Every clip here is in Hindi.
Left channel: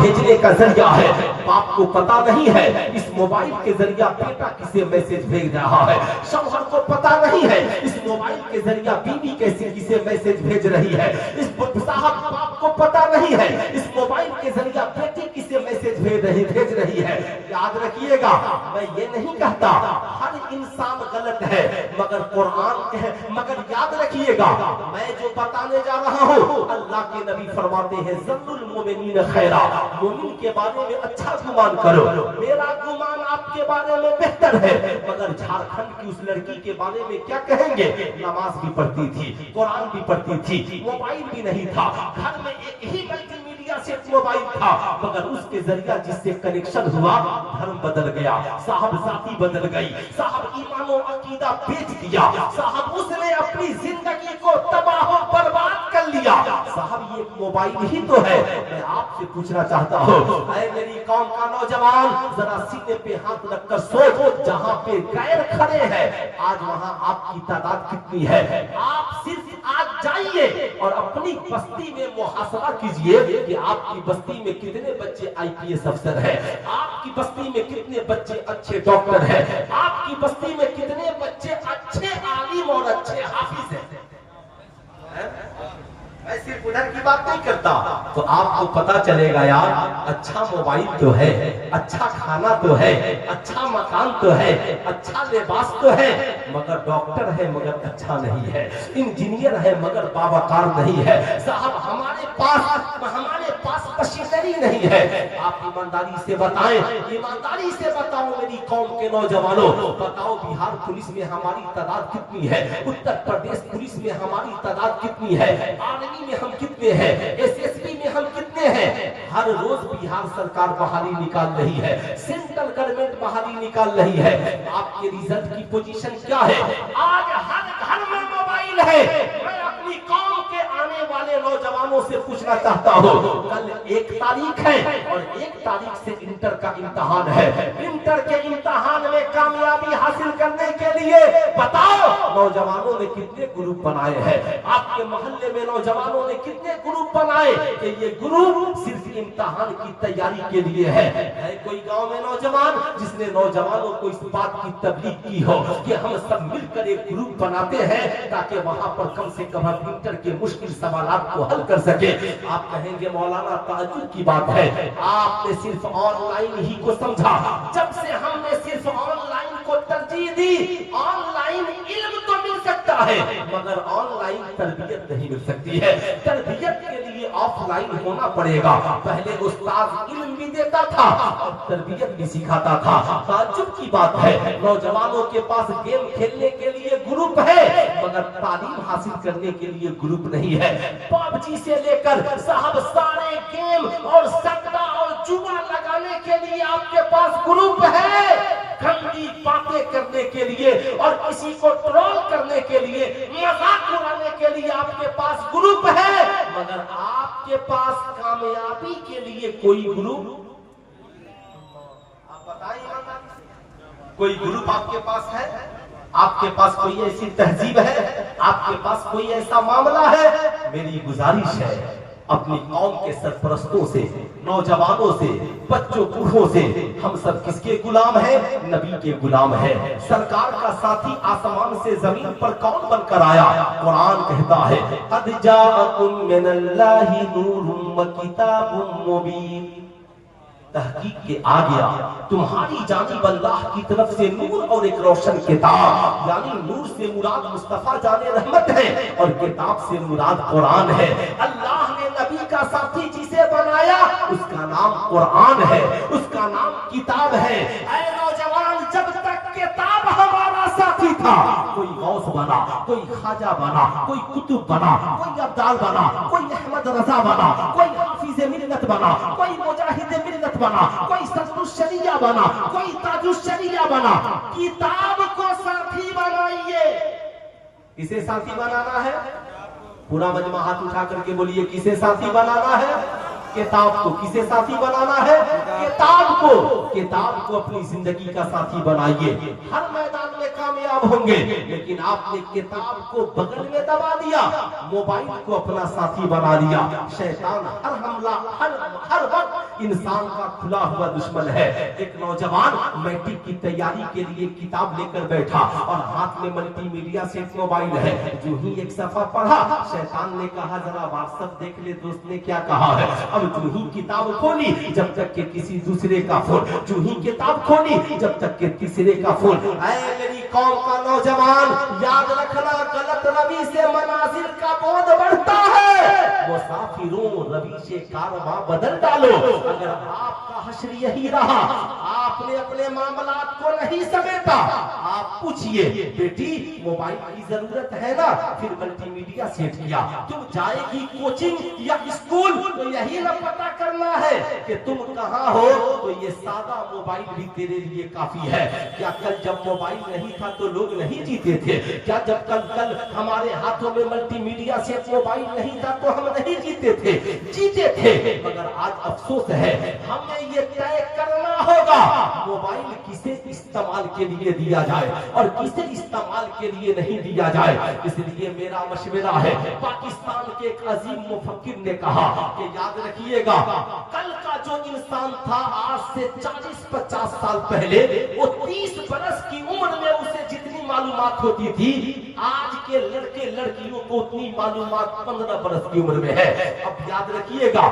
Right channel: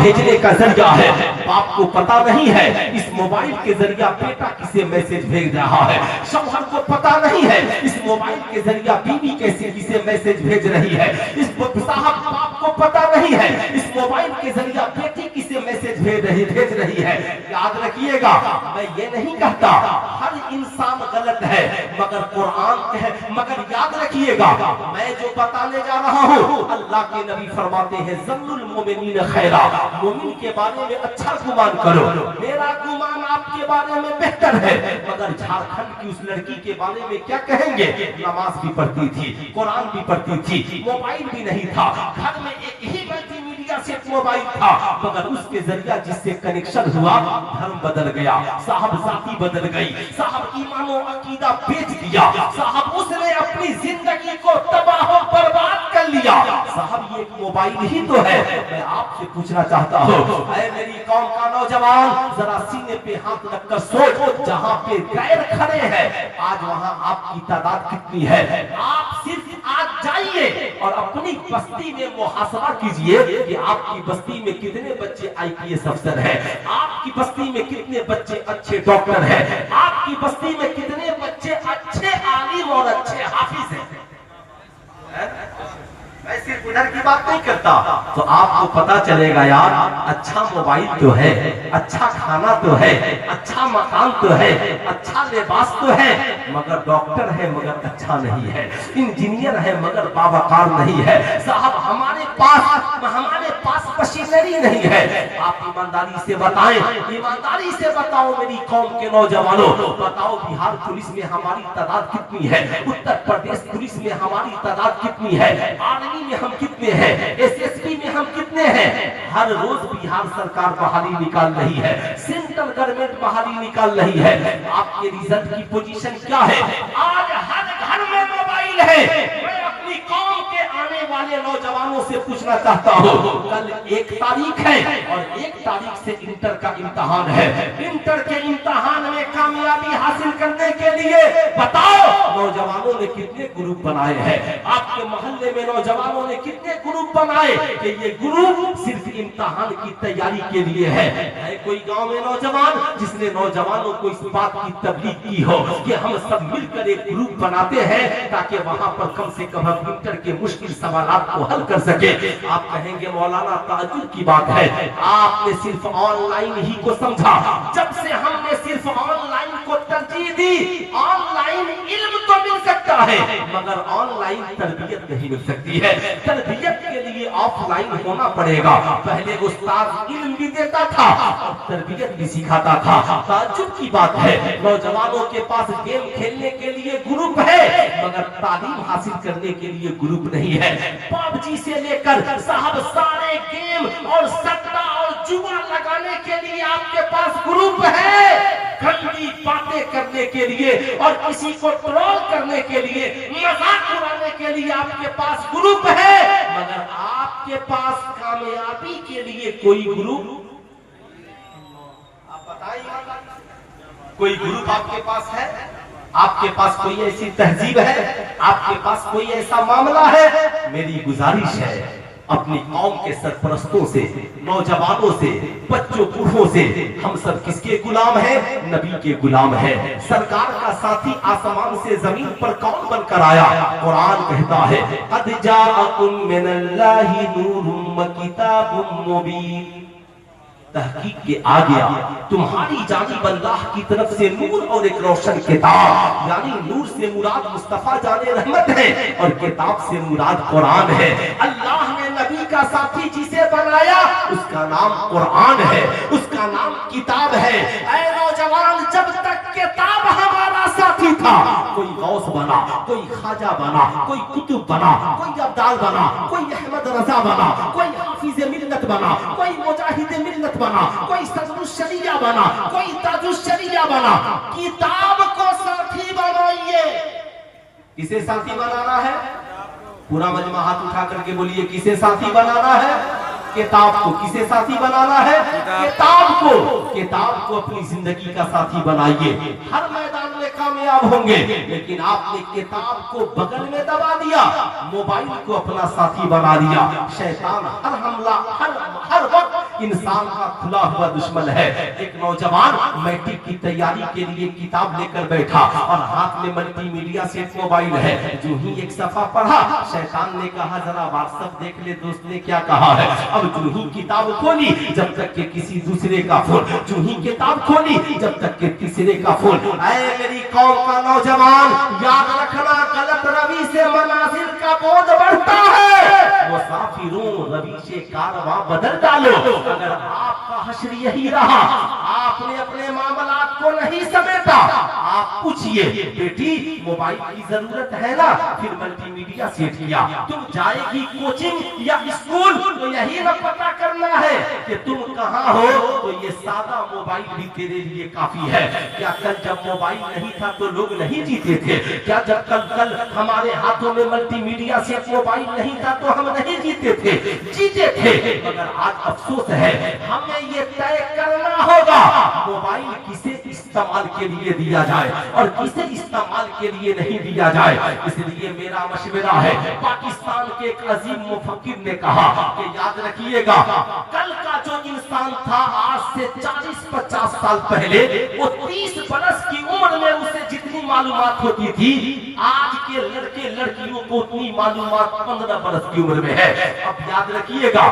भेजने का जरिया है। बाप को पता नहीं है इस मोबाइल के जरिया बेटा किसे मैसेज भेज रहा है। शौहर को पता नहीं है इस मोबाइल के जरिया बीवी कैसे किसे मैसेज भेज रही है। इस साहब बाप को पता नहीं है इस मोबाइल के जरिया बेटी किसे मैसेज भेज रही है। याद रखिएगा, मैं ये नहीं कहता हर इंसान गलत है, मगर कुरान है, मगर याद रखिएगा मैं जो बताने जा रहा हूँ, अल्लाह के नबी फरमाते हैं ज़न्नुल मुमिनीन खैरा, मोमिन के बारे में अच्छा गुमान करो। मेरा गुमान आपके बारे में बेहतर है, मगर झारखंड की उस लड़की के बारे में क्या कहेंगे? नमाज भी पढ़ती थी, कुरान भी पढ़ती थी, मोबाइल भी नहीं था, घर में एक ही मल्टीमीडिया सेट मोबाइल था, मगर उसके जरिया जिससे कनेक्शन हुआ धर्म बदल गया, साहब जाति बदल गई, साहब ईमान और अकीदा बेच दिया, साहब उसने अपनी जिंदगी को तबाह बर्बाद कर लिया। साहब ये मोबाइल ही तो है। मैं आपसे पूछना चाहता हूँ, ऐ मेरी कौम का नौजवान, जरा सीने पे हाथ रखकर सोच, जहाँ पे गैर खड़े हैं आज वहाँ आपकी तादाद कितनी है? आप सिर्फ आज जाइए और अपनी बस्ती में मुहासरा कीजिए कि आपकी बस्ती में कितने बच्चे आईपीएस अफसर हैं, आपकी बस्ती में कितने बच्चे अच्छे डॉक्टर हैं, आपकी बस्ती में कितने बच्चे अच्छे आलिम और अच्छे हाफिज हैं। मैं सिर्फ उधर की बात नहीं करता, तो आपको पता चलेगा यार, अच्छा मोबाइल तो है, अच्छा खाना तो है, अच्छा मकान तो है, अच्छा लिबास तो है, मगर डॉक्टर है मगर अच्छा नहीं है, इंजीनियर है मगर बावकार नहीं है। साहब हमारे पास मशीनरी नहीं है। आप ईमानदारी से बताएं, ईमानदारी से बताओ मेरी कौम के नौजवानों, बताओ बिहार पुलिस में हमारी तादाद कितनी है, उत्तर प्रदेश पुलिस में हमारी तादाद कितनी है, आर्मी में हम कितने हैं, एसएसपी में हम कितने हैं? हर रोज बिहार सरकार बहाली निकाल रही है, सेंट्रल गवर्नमेंट बहाली निकाल रही है। आपके रिजल्ट की पोजीशन क्या है? आज हर घर में मोबाइल है। मैं अपनी कौम के आने वाले नौजवानों से पूछना चाहता हूँ, कल 1 तारीख है और 1 तारीख से इंटर का इम्तिहान है। इंटर के इम्तिहान में कामयाबी हासिल करने के लिए बताओ नौजवानों ने कितने ग्रुप बनाए हैं? आपके मोहल्ले में नौजवानों ने कितने ग्रुप बनाए कि ये ग्रुप सिर्फ इम्तिहान की तैयारी के लिए है? कोई गांव में नौजवान जिसने नौजवानों को इस बात की तबलीग की हो कि हम सब मिलकर एक ग्रुप बनाते हैं ताकि वहां पर कम से कम हम इंटर के मुश्किल सवालात को हल कर सके? आप कहेंगे मौलाना ताज्जुब की बात है, आपने सिर्फ ऑनलाइन ही को समझा। जब से हमने सिर्फ ऑनलाइन को तरजीह दी, ऑनलाइन इल्म तो मिल सकता है मगर ऑनलाइन तरबियत नहीं मिल सकती है। तरबियत के लिए ऑफलाइन होना पड़ेगा। पहले उस्ताद इल्म भी देता था और तरबियत भी सिखाता था। ताज्जुब की बात है, नौजवानों के पास गेम खेलने के लिए ग्रुप है मगर तालीम हासिल करने के लिए ग्रुप नहीं है। पबजी से लेकर साहब सारे गेम और सट्टा और जुआ लगाने के लिए आपके पास ग्रुप है। गंदी बातें करने के लिए और किसी को ट्रोल करने के लिए, मजाक उड़ाने के लिए आपके पास ग्रुप है, मगर आपके पास कामयाबी के लिए कोई ग्रुप? आप बताइए, कोई ग्रुप आपके पास है? आपके पास कोई ऐसी तहजीब है? आपके पास कोई ऐसा मामला है? मेरी गुजारिश है अपनी कौम के सरपरस्तों से, नौजवानों से, बच्चों बूढ़ों से, हम सब किसके गुलाम हैं? नबी के गुलाम हैं। सरकार का साथी आसमान से जमीन पर कौन बनकर आया? कुरान कहता है क़द जाअकुम मिनल्लाहि नूरुम व किताबुम मुबीन। तहकीक के आ गया तुम्हारी जानिब अल्लाह की तरफ से नूर और एक रोशन किताब, यानी नूर से मुराद मुस्तफा जाने रहमत है और किताब से मुराद कुरान है। अल्लाह ने नबी का साथी जिसे बनाया उसका नाम कुरान है, उसका नाम किताब है। ऐ नौजवान, जब तक किताब हमारा साथी था, कोई गौस बना, कोई ख्वाजा बना, कोई कुतुब बना, कोई अब्दाल बना, कोई अहमद रजा बना, कोई हाफिज मिल्लत बना, कोई मुजाहिद मिल्लत बना, कोई सदरुशरिया बना, कोई ताजुशरिया बना। किताब को साथी बनाइए। किसे साथी बनाना है? पूरा मजमा हाथ उठा करके बोलिए, किसे साथी बनाना है? किताब को। किसे साथी बनाना है? किताब को। किताब को अपनी जिंदगी का साथी बनाइए। हर मैदान में कामयाब होंगे, लेकिन आपने किताब को बगल में दबा दिया, मोबाइल को अपना साथी बना दिया। शैतान हर हमला, हर वक्त इंसान का खुला हुआ दुश्मन है। एक नौजवान मैट्रिक की तैयारी के लिए किताब लेकर बैठा और हाथ में मल्टीमीडिया सेट मोबाइल है। जो ही एक सफा पढ़ा, शैतान ने कहा जरा व्हाट्सएप देख ले दोस्त ने क्या कहा है। अब जो ही किताब खोली, जब तक के किसी दूसरे का फोन, जो ही किताब खोली जब तक के तीसरे का फोन। ऐ मेरी कौम का नौजवान, याद रखना गलत रवि से मनाजिल का बोझ बढ़ता है। मुसाफिरों रवि से कारवां बदल डालो। अगर आपका हश्र यही रहा, आपने अपने मामलात को नहीं समेटा, आप पूछिए बेटी मोबाइल की जरूरत है ना, फिर मल्टीमीडिया सेट किया। तुम जाएगी कोचिंग या स्कूल तो यही न पता करना है कि तुम कहाँ हो, तो ये सादा मोबाइल भी तेरे लिए काफी है। क्या कल जब मोबाइल नहीं था तो लोग नहीं जीते थे? क्या जब कल हमारे हाथों में मल्टीमीडिया सेट मोबाइल नहीं था तो हम नहीं जीते थे? जीते थे। मगर आज अफसोस है, हमें ये तय करना होगा मोबाइल किसे इस्तेमाल के लिए दिया जाए और किसे इस्तेमाल के लिए नहीं दिया जाए। इसलिए मेरा मशवरा है, पाकिस्तान के एक अजीम मुफक्किर ने कहा कि याद रखिएगा, कल का जो इंसान था आज से 40-50 साल पहले, वो 30 बरस की उम्र में उसे जितनी मालूमात होती थी, आज के लड़के लड़कियों को उतनी मालूमात 15 बरस की उम्र में है। अब याद रखिएगा,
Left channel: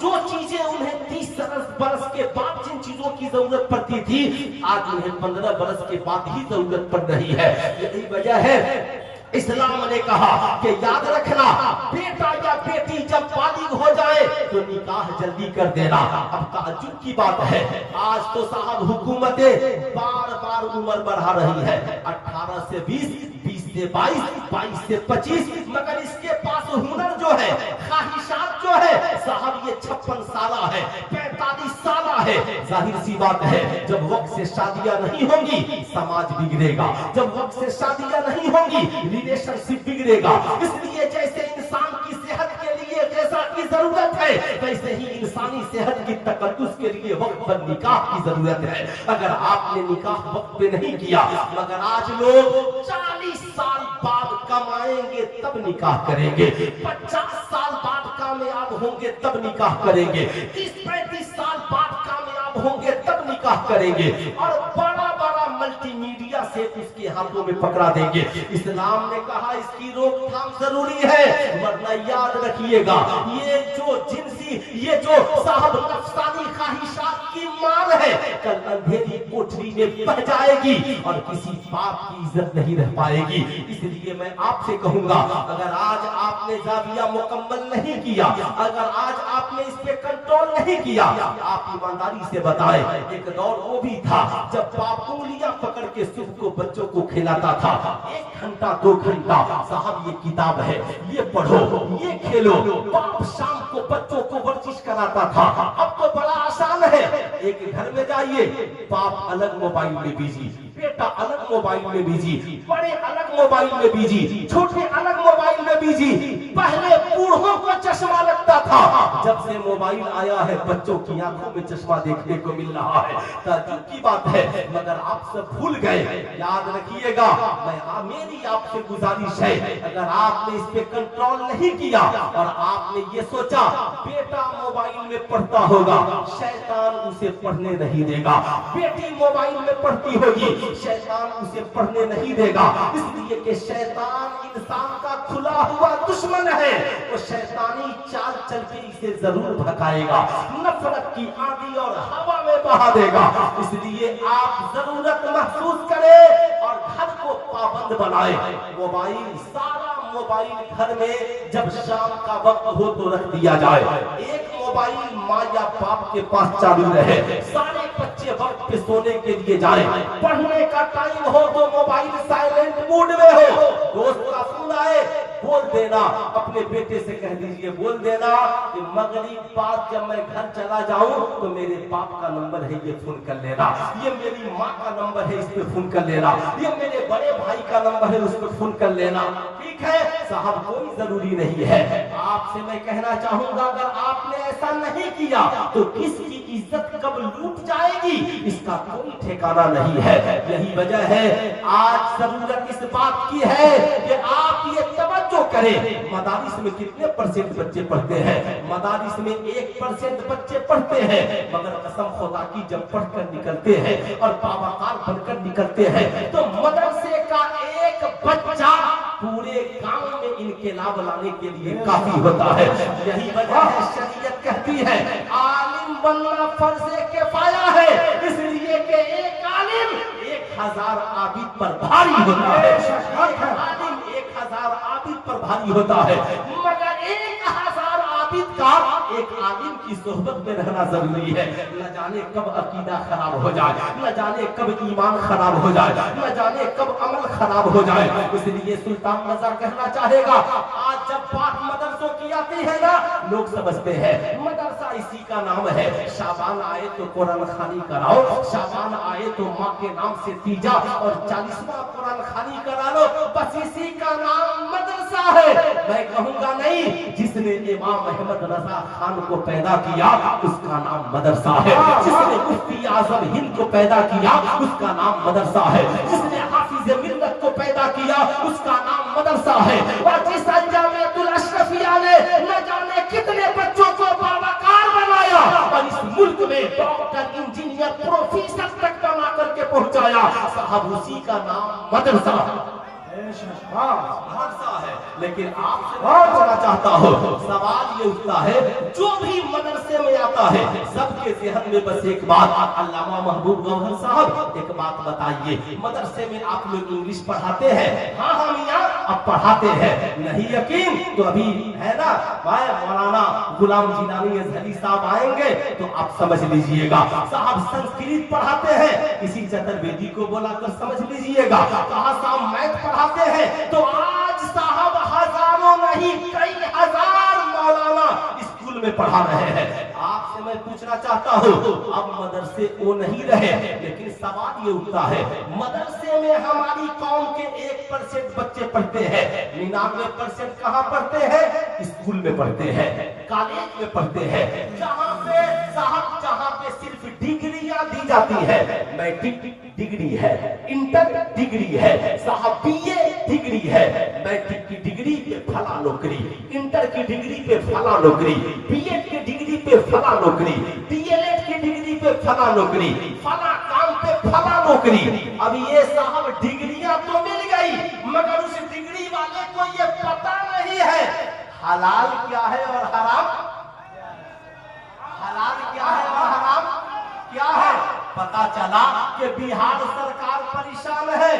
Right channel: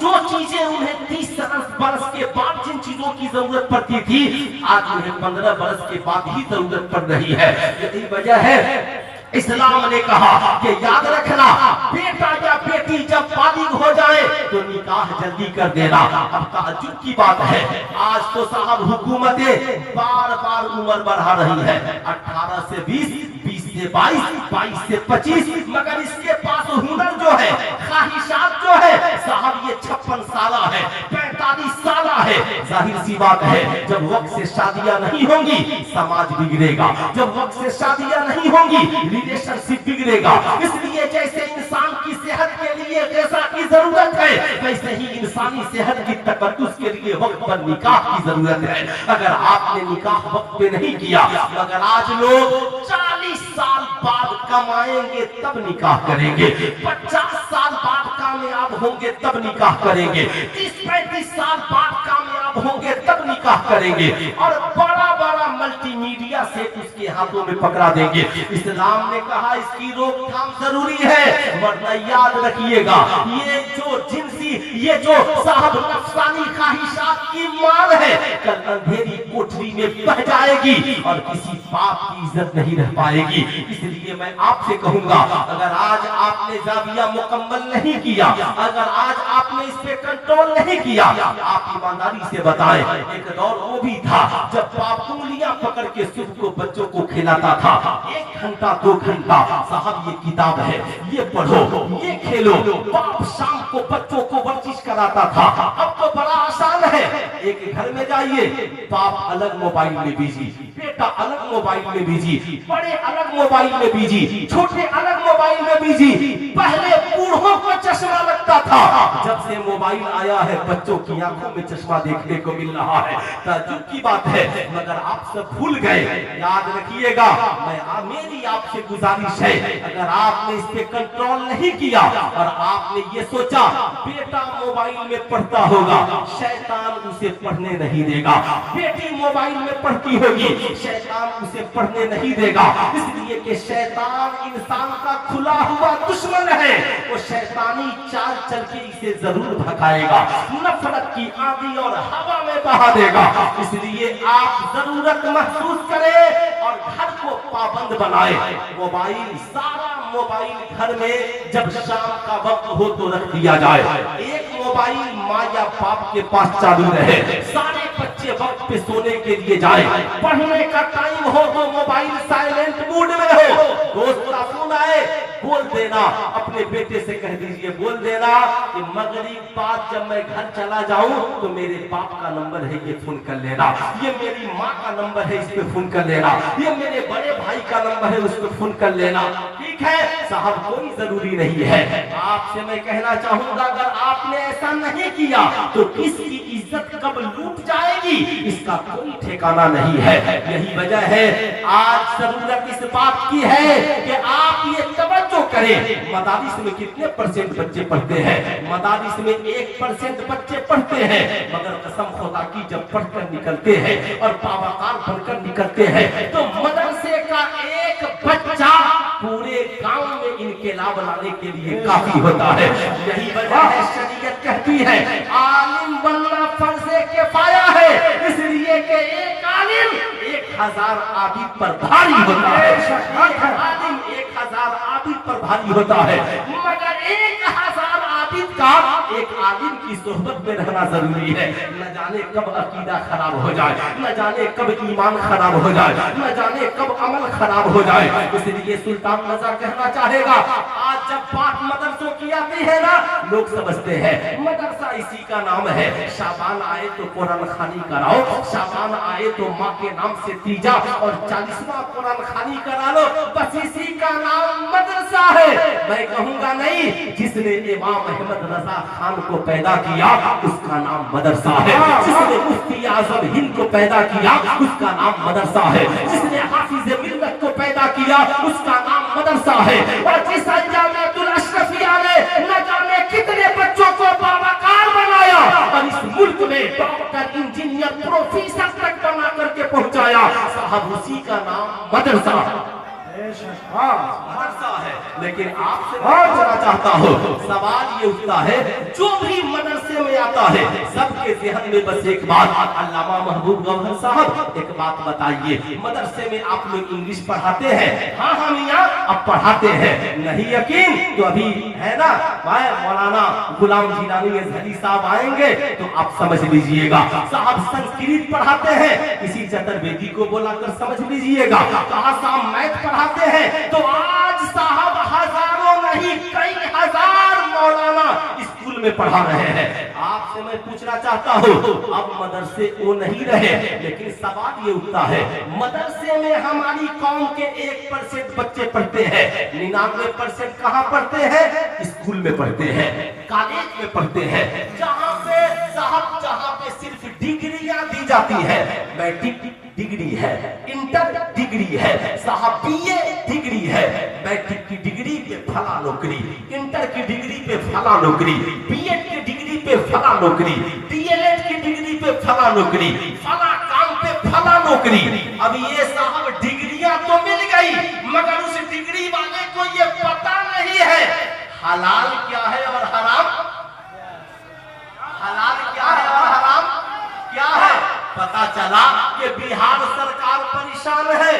जो चीजें उन्हें 30 बरस के बाद जिन चीजों की जरूरत पड़ती थी, आज उन्हें 15 बरस के बाद ही जरूरत पड़ रही है। यही वजह है इस्लाम ने कहा कि याद रखना, बेटा या बेटी जब बालिग हो जाए तो निकाह जल्दी कर देना। अब ताज्जुब की बात है, आज तो साहब हुकूमतें बार बार उम्र बढ़ा रही है, 18 से 20, 20 से 22, 22 से 25, मगर इसके पास हुनर जो है, ख्वाहिशात जो है साहब, ये 56 साल है, 45 साल है। जाहिर सी बात है, जब वक्त से शादियां नहीं होंगी समाज बिगड़ेगा, जब वक्त से शादियां नहीं होंगी रिलेशनशिप बिगड़ेगा। इसलिए जैसे इंसान की सेहत के लिए ग़िज़ा की जरूरत है, वैसे ही इंसानी सेहत की तकद्दुस के लिए वक्त पर निकाह की जरूरत है। अगर आपने निकाह वक्त पे नहीं किया, मगर आज लोग 40 साल बाद कमाएंगे तब निकाह करेंगे, 50 साल बाद कामयाब होंगे तब निकाह करेंगे, 30-35 साल बाद कामयाब होंगे तब निकाह करेंगे, और बड़ा बड़ा मल्टीमीडिया से उसके हाथों में पकड़ा देंगे। इस्लाम ने कहा इसकी रोकथाम जरूरी है, वरना याद रखिएगा, ये जो जिनसी, ये जो साहब नफ्सानी ख्वाहिशात की मार है, कल अंधेरी कोठरी में बह जाएगी और किसी बाप की इज्जत नहीं रह पाएगी। इसलिए मैं आपसे कहूंगा, अगर आज आपने जाविया मुकम्मल नहीं किया, अगर आज आपने इस पे कंट्रोल नहीं किया, आप ईमानदारी से बताएं, एक दौर वो भी था जब बाप उंगलियां पकड़ के सुबह को बच्चों को खिलाता था, 1 घंटा 2 घंटा, साहब ये किताब है, ये पढ़ो, ये खेलो। बाप शाम को बच्चों को वर्जिश कराता था। अब तो बड़ा आसान है, एक घर में जाइए, बाप अलग मोबाइल में बिजी, बेटा अलग मोबाइल में बिजी, बड़े अलग मोबाइल में बिजी, छोटे अलग मोबाइल में बिजी। पहले बूढ़ों को चश्मा लगता था, जब से मोबाइल आया है बच्चों की आंखों में चश्मा देखने को मिल रहा है। ताज्जुब की बात है, मगर आप सब भूल गए। याद रखिएगा, मेरी आपसे गुजारिश है, अगर आपने इस पे कंट्रोल नहीं किया और आपने ये सोचा बेटा मोबाइल में पढ़ता होगा, शैतान उसे पढ़ने नहीं देगा, बेटी मोबाइल में पढ़ती होगी, शैतान उसे पढ़ने नहीं देगा। इसलिए कि शैतान इंसान का खुला हुआ दुश्मन है, वो शैतानी चाल चल के इसे जरूर भगाएगा, नफरत की आंधी और हवा में बहा देगा। इसलिए आप जरूरत महसूस करें और घर को पाबंद बनाए। मोबाइल, सारा मोबाइल घर में जब शाम का वक्त हो तो रख दिया जाए, एक मोबाइल माँ या बाप के पास चालू रहे, सारे बच्चे वक्त पे सोने के लिए जाए, पढ़ने का टाइम हो तो मोबाइल साइलेंट मोड में हो। दोस्त का फोन आए, बोल देना, अपने बेटे से कह दीजिए, बोल देना कि मगरिब बाद जब मैं घर चला जाऊं तो मेरे बाप का नंबर है, ये फोन कर लेना, ये मेरी माँ का नंबर है, इस पे फोन कर लेना, ये मेरे बड़े भाई का नंबर है, उस पे फोन कर लेना। ठीक है साहब, कोई जरूरी नहीं है। आपसे मैं कहना चाहूंगा, अगर आपने ऐसा नहीं किया तो किसकी इज्जत कब लूट जाएगी इसका कोई ठिकाना नहीं है। यही वजह है आज जरूरत इस बात की है कि आप ये तवज्जो करें, मदारिस में कितने % बच्चे पढ़ते हैं? मदारिस में 1% बच्चे पढ़ते हैं, मगर कसम खुदा की जब पढ़कर निकलते हैं और बाबाकार बनकर निकलते हैं तो मदरसे का एक बच्चा पूरे गांव में इनकलाब लाने के लिए काफी होता है। यही वजह है शरीयत कहती है आलिम बनना फर्ज़े किफ़ाया है, इसलिए कि एक आलिम 1000 आबिद पर भारी होता है। एक आलिम 1000 आबिद पर भारी होता है, मगर 1000 आबिद का एक आलिम की सोहबत में रहना जरूरी है। न जाने कब अकीदा खराब हो जाए, न जाने कब ईमान खराब हो जाए, न जाने कब अमल खराब हो जाए। इसलिए सुल्तान रज़ा कहना चाहेगा आज जब बात मदरसों की आती है ना, लोग समझते हैं मदरसा इसी का नाम है। शाबान आए तो कुरान खानी कराओ, शाबान आए तो माँ के नाम से तीजा और 40वां कुरान खानी करा लो, बस इसी का नाम मदरसा है। मैं कहूँगा नहीं, जिसने इमाम अहमद रजा खान को पैदा किया उसका नाम मदरसा है। जिसने मुफ्ती आजम हिंद को पैदा किया उसका नाम मदरसा है। जिसने हाफिज मिल्लत को पैदा किया उसका नाम मदरसा है। और जिस जामिअतुल अशरफिया ने न जाने कितने बच्चों को बाबाकार बनाया और इस मुल्क में डॉक्टर, इंजीनियर, प्रोफेसर तक बना करके पहुंचाया, साहब उसी का नाम मदरसा है। लेकिन आपसे पूछना चाहता हूँ, सवाल ये उठता है जो भी मदरसे में आता है सबके ज़हन में बस एक बात, अल्लामा महबूब गौहर साहब एक बात बताइए, मदरसे में आप लोग इंग्लिश पढ़ाते हैं? हाँ मियां अब पढ़ाते हैं। नहीं यकीन तो अभी है ना मौलाना गुलाम जिलानी अज़हरी साहब आएंगे तो आप समझ लीजिएगा। साहब संस्कृत पढ़ाते हैं, किसी चतुर्वेदी को बुलाकर समझ लीजिएगा। कहा साहब मैथ पढ़ाते हैं तो आज साहब हजारों नहीं कई हजार मौलाना स्कूल में पढ़ा रहे हैं। आपसे मैं पूछना चाहता हूँ, अब मदरसे वो नहीं रहे, लेकिन सवाल ये उठता है मदरसे में हमारी कौम के 1% बच्चे पढ़ते हैं, 99% कहाँ पढ़ते हैं? स्कूल में पढ़ते हैं, कॉलेज में पढ़ते हैं, जहाँ पे साहब जहाँ पे सिर्फ डिग्रियां दी जाती है। मैट्रिक डिग्री है, इंटर डिग्री है, साहब BA डिग्री है, मैट्रिक की डिग्री पे फला नौकरी, इंटर की डिग्री पे फला नौकरी, BEd की डिग्री पे फला नौकरी, DLEd की डिग्री पे फला नौकरी, फला काम पे फला नौकरी। अब ये साहब डिग्रियां तो मिल गई, मगर उस डिग्री वाले को ये पता नहीं है हलाल क्या है और हराम, हलाल क्या है और हराम क्या है। पता चला कि बिहार सरकार परेशान है,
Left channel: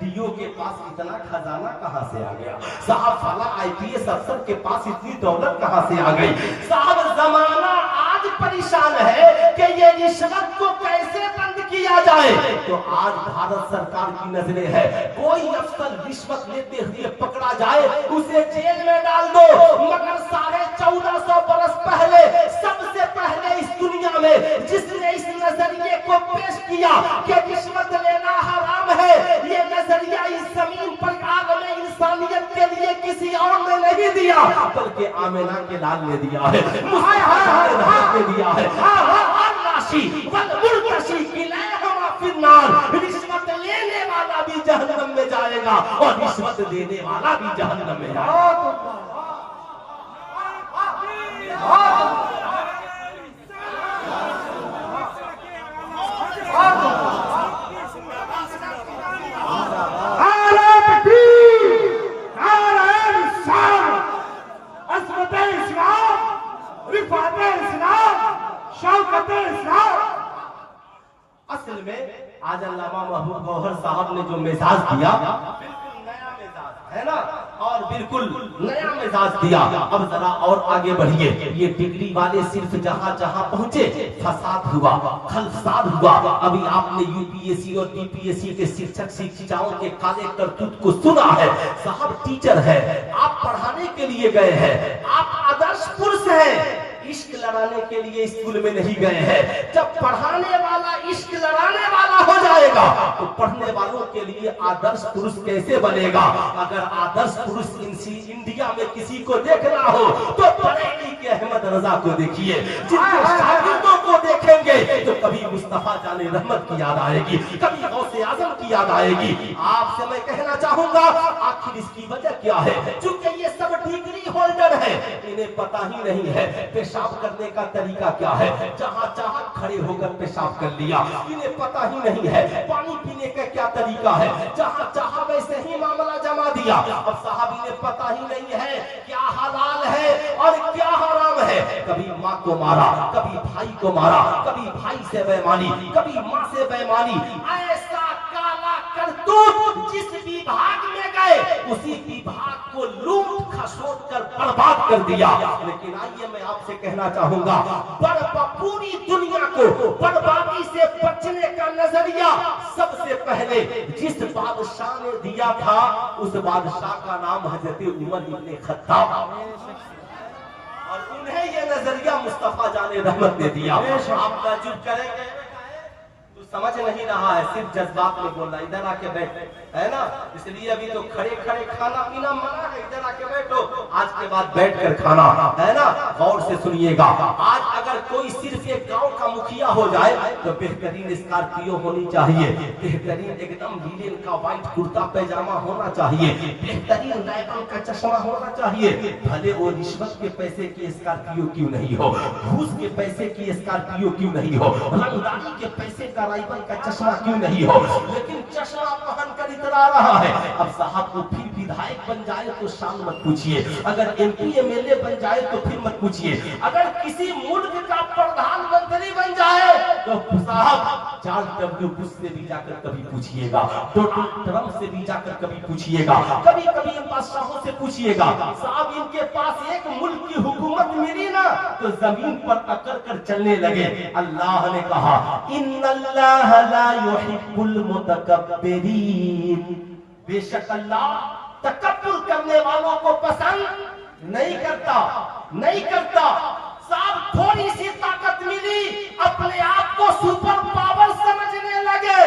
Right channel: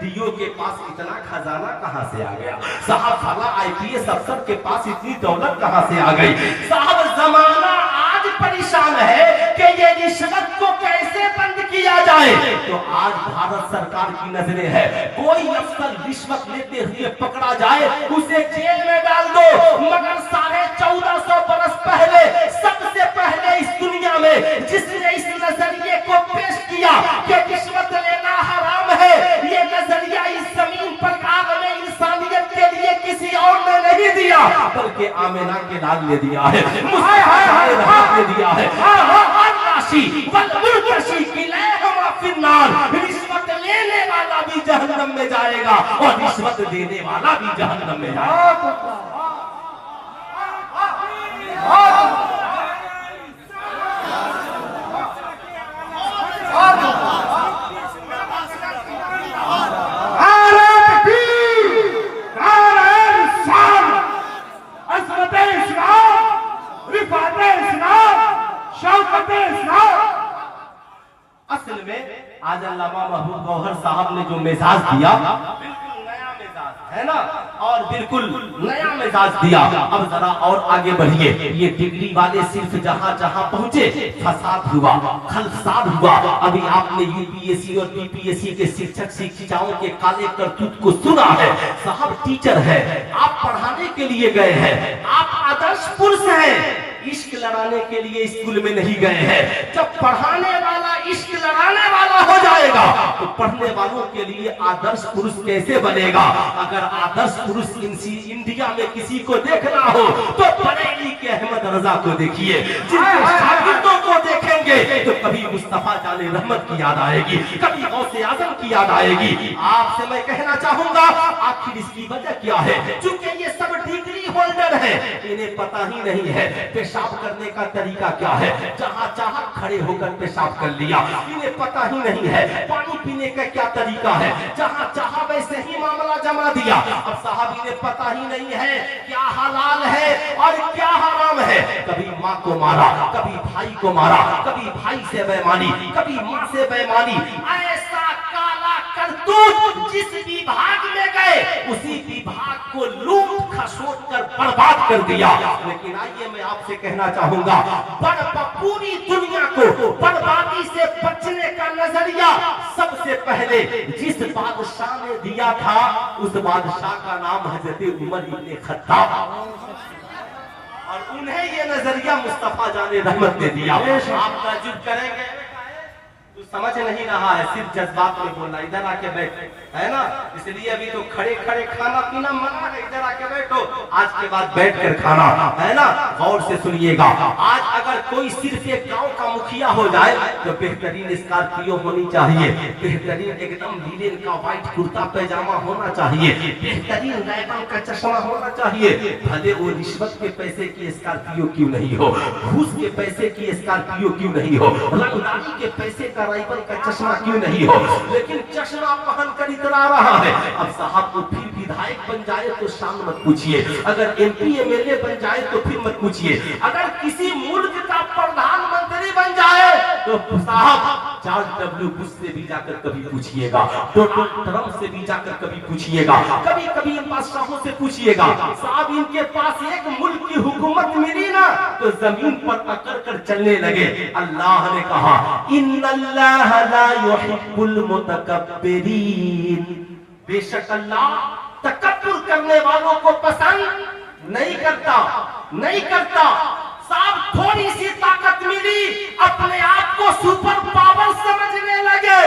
डीओ के पास इतना खजाना कहां से आ गया, साहब फला IPS अफसर के पास इतनी दौलत कहां से आ गई। साहब जमाना आज परेशान है कि ये रिश्वत को कैसे बंद किया जाए। तो आज भारत सरकार की नजरें है, कोई अफसर रिश्वत लेते हुए पकड़ा जाए उसे जेल में डाल दो। मगर 1450 बरस पहले सबसे पहले इस दुनिया में जिसने इस नजरिए को पेश किया कि रिश्वत लेना हराम है, ये नजरिया इस जमीन पर आलम इंसानियत के लिए किसी और ने नहीं दिया, बल्कि आमिना के लाल ने दिया है, ने दिया है। रिश्वत लेने वाला भी जहन्नम में जाएगा और रिश्वत देने वाला भी जहन्नम में जाएगा। असल में आज अल्लामा महबूब गौहर साहब ने जो मिजाज दिया बिल्कुल नया मिजाज है ना, और बिल्कुल नया मिजाज दिया। अब जरा और आगे बढ़िए, ये डिग्री वाले सिर्फ जहाँ जहाँ पहुँचे फसाद हुआ, खलसाद हुआ। अभी आपने UPSC और BPSC के शिक्षक शिक्षिकाओं के काले करतूत को सुना है। साहब टीचर है, आप पढ़ाने के लिए गए हैं, आप आदर्श पुरुष हैं, इश्क लड़ाने के लिए स्कूल में नहीं गए हैं। जब पढ़ाने वाला इश्क लड़ाने वाला हो जाएगा जाएगा तो पढ़ने वालों के लिए आदर्श पुरुष कैसे बनेगा। अगर आदर्श पुरुष इंडिया में किसी को देखना हो तो बरेली के अहमद रजा को देखिए। जिनके शागिर्दों को देखेंगे तो कभी मुस्तफा जाने रहमत की याद आएगी, कभी गौसे आजम की याद आएगी। आपसे मैं कहना चाहूंगा आखिर इसकी वजह क्या है। चूंकि ये सब डिग्री होल्डर है, इन्हें पता ही नहीं है पेशाब करने का तरीका क्या है। जहां चाहा खड़े होकर पेशाब कर लिया, इन्हें पता ही नहीं है पानी पीने का क्या तरीका है। जहां चाहा वैसे ही मामला जमा दिया। अब साहब इन्हें पता ही नहीं है क्या हलाल है और क्या हराम है। कभी माँ को मारा, कभी भाई को मारा, कभी भाई से बेईमानी, कभी माँ से बेईमानी। ऐसा काला करतूत जिस विभाग में गए उसी विभाग को लूट खसोट कर बर्बाद कर दिया। लेकिन आइए मैं आपसे कहना चाहूंगा पूरी दुनिया को बर्बादी से बचने का नजरिया सबसे पहले जिस बादशाह ने दिया था उस बादशाह का नाम हजरत उमर इब्ने खत्ताब, और उन्हें ये नजरिया मुस्तफा जाने रहमत ने दिया। आप ताज्जुब करेंगे तू समझ नहीं रहा है, सिर्फ जज्बात में बोलना। इधर आके बैठ, है ना, इसलिए अभी तो खड़े खड़े खाना पीना मना है। इधर आके बैठो, आज के बाद बैठ कर खाना, है ना। गौर से सुनिएगा, आज अगर कोई सिर्फ एक गांव का मुखिया हो जाए तो बेहतरीन स्कॉर्पियो होनी चाहिए, बेहतरीन एकदम लीलन का व्हाइट कुर्ता पैजामा होना चाहिए, बेहतरीन रैबन का चश्मा होना चाहिए। भले वो रिश्वत के पैसे की स्कॉर्पियो क्यों नहीं हो, घूस के पैसे की स्कॉर्पियो क्यों नहीं हो, रंगदारी के पैसे का राइफल का चश्मा क्यों नहीं हो, लेकिन चश्मा पहन कर इतरा रहा है। अब साहब को फिर विधायक बन जाए तो शान मत पूछिए, अगर एमपी एमएलए बन जाए तो फिर मत पूछिए, अगर किसी मुल्क का प्रधानमंत्री बन जाए तो साहब जॉर्ज डब्ल्यू बुश से भी जाकर कभी पूछिएगा, डोनाल्ड ट्रंप से भी जाकर कभी पूछिएगा, कभी कभी इन बादशाहों से पूछिएगा। साहब इनके पास एक मुल्क की हुकूमत मिली ना तो जमीन पर अकड़ कर चलने लगे। अल्लाह ने कहा इन्नल्लाह ला युहिब्बुल मुतकब्बिरीन, बेशक अल्लाह तकब्बुर करने वालों को पसंद नहीं करता, नहीं करता। साहब थोड़ी सी ताकत मिली अपने आप को सुपर पावर समझने लगे।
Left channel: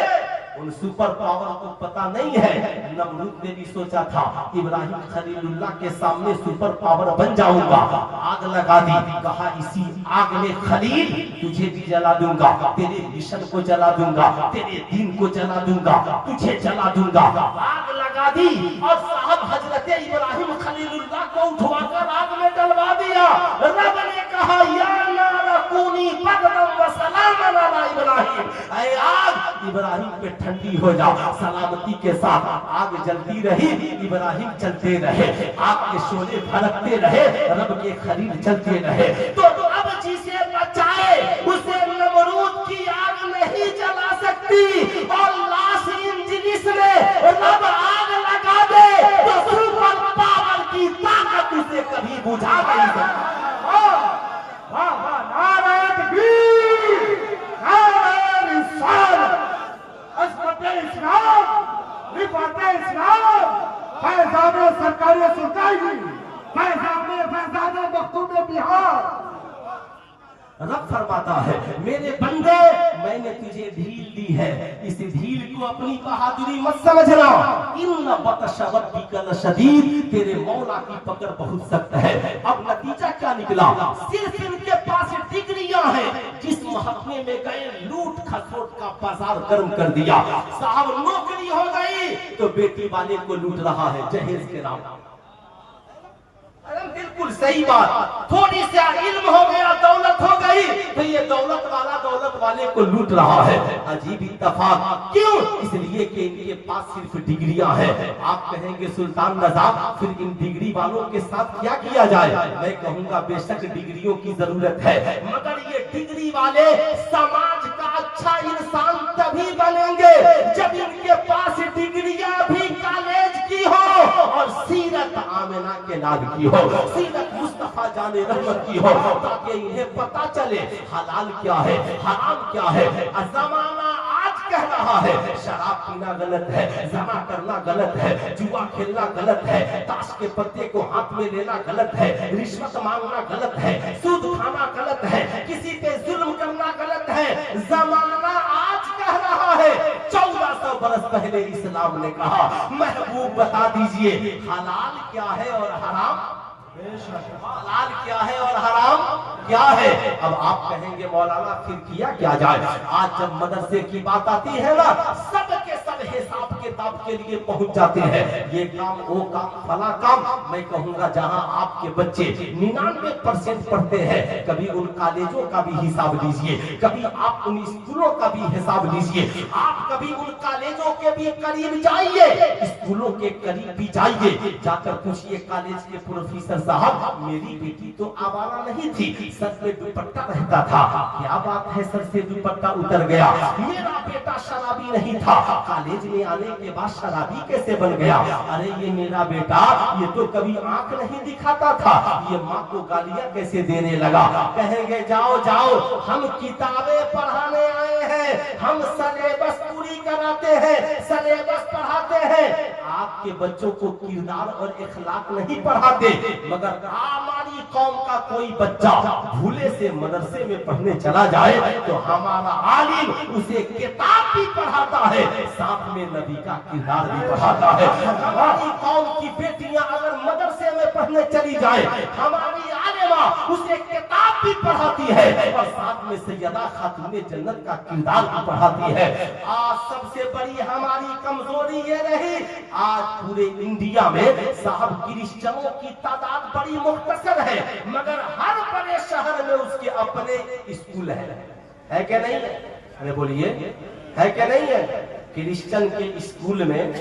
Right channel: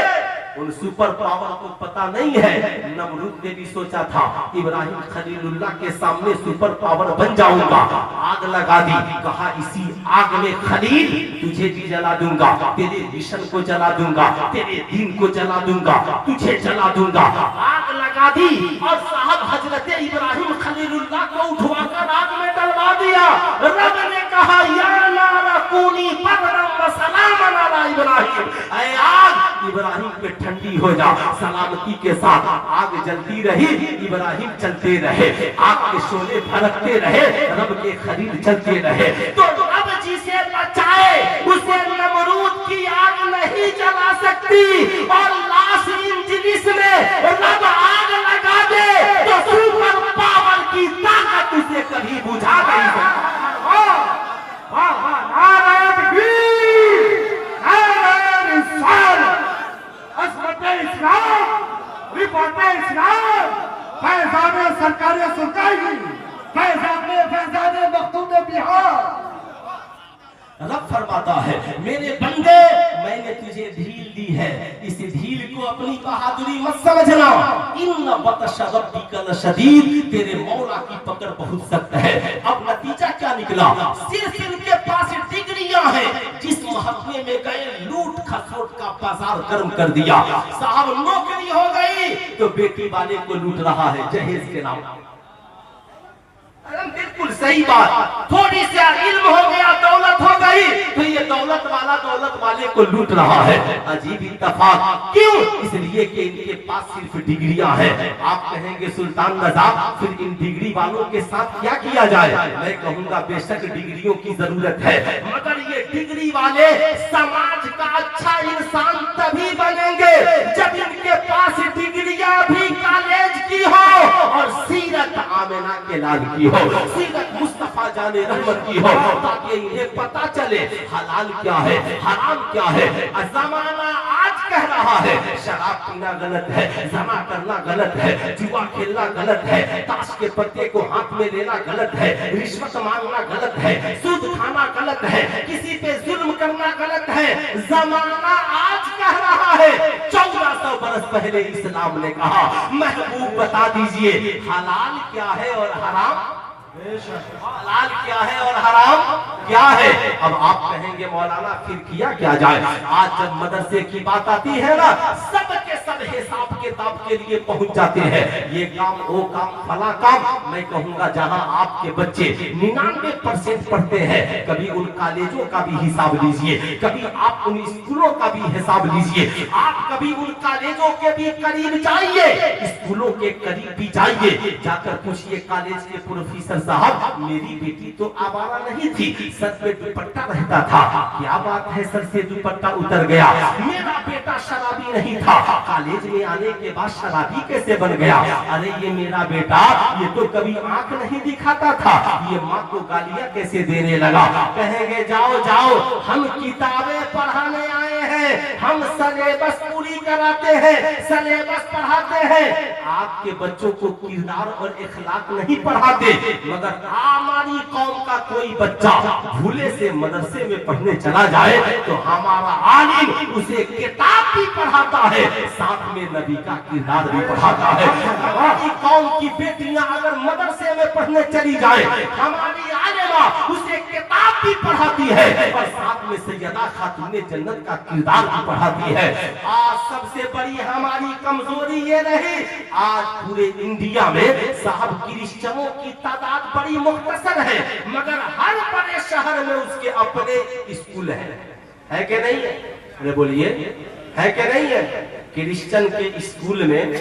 उन सुपर पावर को पता नहीं है नमरूद ने भी सोचा था इब्राहिम खलीलुल्लाह के सामने सुपर पावर बन जाऊंगा, आग लगा दी, कहा इसी आग में खलील तुझे भी जला दूंगा, तेरे मिशन को जला दूंगा, तेरे दीन को जला दूंगा, तुझे जला दूंगा। आग लगा दी और साहब हजरत इब्राहिम खलीलुल्लाह को उठवाकर आग में डलवा दिया। रब ने कहा या नारा कूनी बर्रम व सलामन अला इब्राहिम, ऐ आग इब्राहिम के ठंडी हो जा, सलामती के साथ आग जलती रही, इब्राहिम चलते रहे, आग के शोले भड़कते रहे, रब के खलील चलते रहे। तो अब जिसे बचाए उसे नमरूद की आग नहीं जला सकती, और लाश इंजलिस में रब आग लगा दे तो सुपर पावर की ताकत उसे कभी बुझा नहीं सकती। फैजाने सरकारें सुनताएगी, फैजाने मखदूम बिहार। रब फरमाता है मेरे बंदे मैंने तुझे ढील दी है, इस ढील को अपनी बहादुरी मत समझना। इन्न बतश रब्बिका लशदीद, तेरे मौला की पकड़ बहुत सख्त है। अब नतीजा क्या निकला, सिर्फ इनके पास डिग्रियां हैं, जिस महकमे में गए लूट खसोट का बाजार गर्म कर दिया। साहब नौकरी हो गई तो बेटी वाले को लूट रहा है जहेज के नाम। बिल्कुल सही बात, थोड़ी सी इल्म हो गया, दौलत हो गई तो ये दौलत वाला दौलत वाले को लूट रहा है। अजीब इत्तेफाक, क्यों? इसलिए कि इनके पास सिर्फ डिग्रियां हैं। आप कहेंगे सुल्तान नजाब फिर इन डिग्री वालों के साथ क्या किया जाए? मैं कहूंगा बेशक डिग्रियों की जरूरत है, मगर ये डिग्री वाले समाज का अच्छा इंसान तभी बनेंगे जब इनके पास डिग्रियां भी कॉलेज की हो और सीरत आमिना के लाल की हो, सीरत मुस्तफा जाने रहमत की हो, ताकि इन्हें पता चले हलाल क्या है, हराम क्या है। जमाना आज कह रहा है शराब पीना गलत है, जना करना गलत है, जुआ खेलना गलत है, ताश के पत्ते को हाथ में लेना गलत है, रिश्वत मांगना गलत है, सूद खाना गलत है, किसी पे जुल्म करना गलत है। जमाना आज कह रहा है 14 बरस पहले इस्लाम ने कहा, महबूब बता दीजिए हलाल क्या है और हराम, हलाल क्या है और हराम क्या है। अब आप कहेंगे मौलाना फिर किया क्या जाए। आज जब मदरसे की बात आती है ना, सब के सब हिसाब किताब के लिए पहुंच जाते हैं, ये काम वो काम फला काम। मैं कहूंगा जहां आपके बच्चे 99% पढ़ते हैं, कभी उन कॉलेजों का भी हिसाब लीजिए, कभी आप उन स्कूलों का भी हिसाब लीजिए, आप कभी उन कॉलेजों के भी करीब जाइए, स्कूलों के करीब भी जाइए, जाकर पूछिए कॉलेज के प्रोफेसर साहब, मेरी बेटी तो आवारा नहीं थी, सर पे दुपट्टा रहता था, क्या बात है सर से दुपट्टा उतर गया। मेरा बेटा शराबी नहीं था, कॉलेज में आने के बाद शराबी कैसे बन गया। अरे ये मेरा बेटा ये तो कभी आंख नहीं दिखाता था, ये माँ को गालियां कैसे देने लगा। कहेंगे जाओ जाओ, हम किताबें पढ़ाने आए हैं, हम सिलेबस पूरी कराते हैं, सिलेबस पढ़ाते हैं। आपके बच्चों को किरदार और इखलाक नहीं पढ़ाते, मगर हमारी कौम का कोई बच्चा भूले से मदरसे में पढ़ने चला जाए तो हमारा आलिम उसे किताब भी पढ़ाता है, साथ में नबी का किरदार भी पढ़ाता है। हमारी कौम की बेटियां अगर मदरसे में पढ़ने चली जाए, हमारी आलिमा उसे किताब भी पढ़ाती है और साथ में सैयदा खातूने जन्नत का किरदार भी पढ़ाती है। आज सबसे बड़ी हमारी कमजोरी ये रही, आज पूरे इंडिया में साहब क्रिश्चियनों की तादाद बड़ी मुख्तसर है, मगर हर बड़े शहर में उसके अपने स्कूल है कि नहीं है? अरे बोलिए, है कि नहीं है? क्रिश्चियन के स्कूल में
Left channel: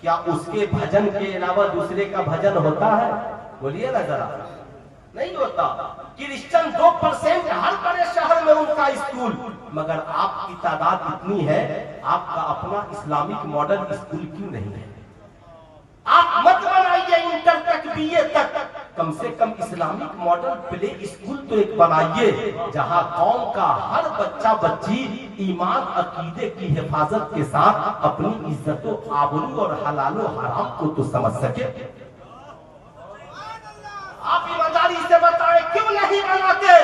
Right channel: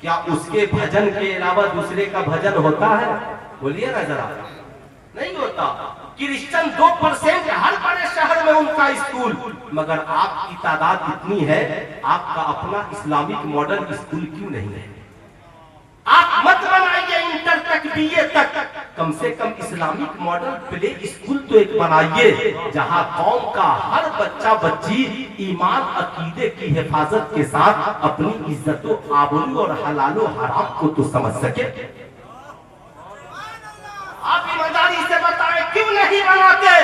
क्या उसके भजन के अलावा दूसरे का भजन होता है? बोलिए ना जरा, नहीं होता। क्रिश्चियन 2% हर बड़े शहर में उनका स्कूल, मगर आपकी तादाद इतनी है, आपका अपना इस्लामिक मॉडल स्कूल क्यों नहीं है? आप मत बनाइए इंटर तक बीए तक, कम से कम इस्लामिक मॉडल प्ले स्कूल तो एक बनाइए, जहां कौम का हर बच्चा बच्ची ईमान अकीदे की हिफाजत के साथ अपनी इज्जतों आबरू और हलालो हराम को तो समझ सके। आप ईमानदारी से बताएं क्यों नहीं बनाते,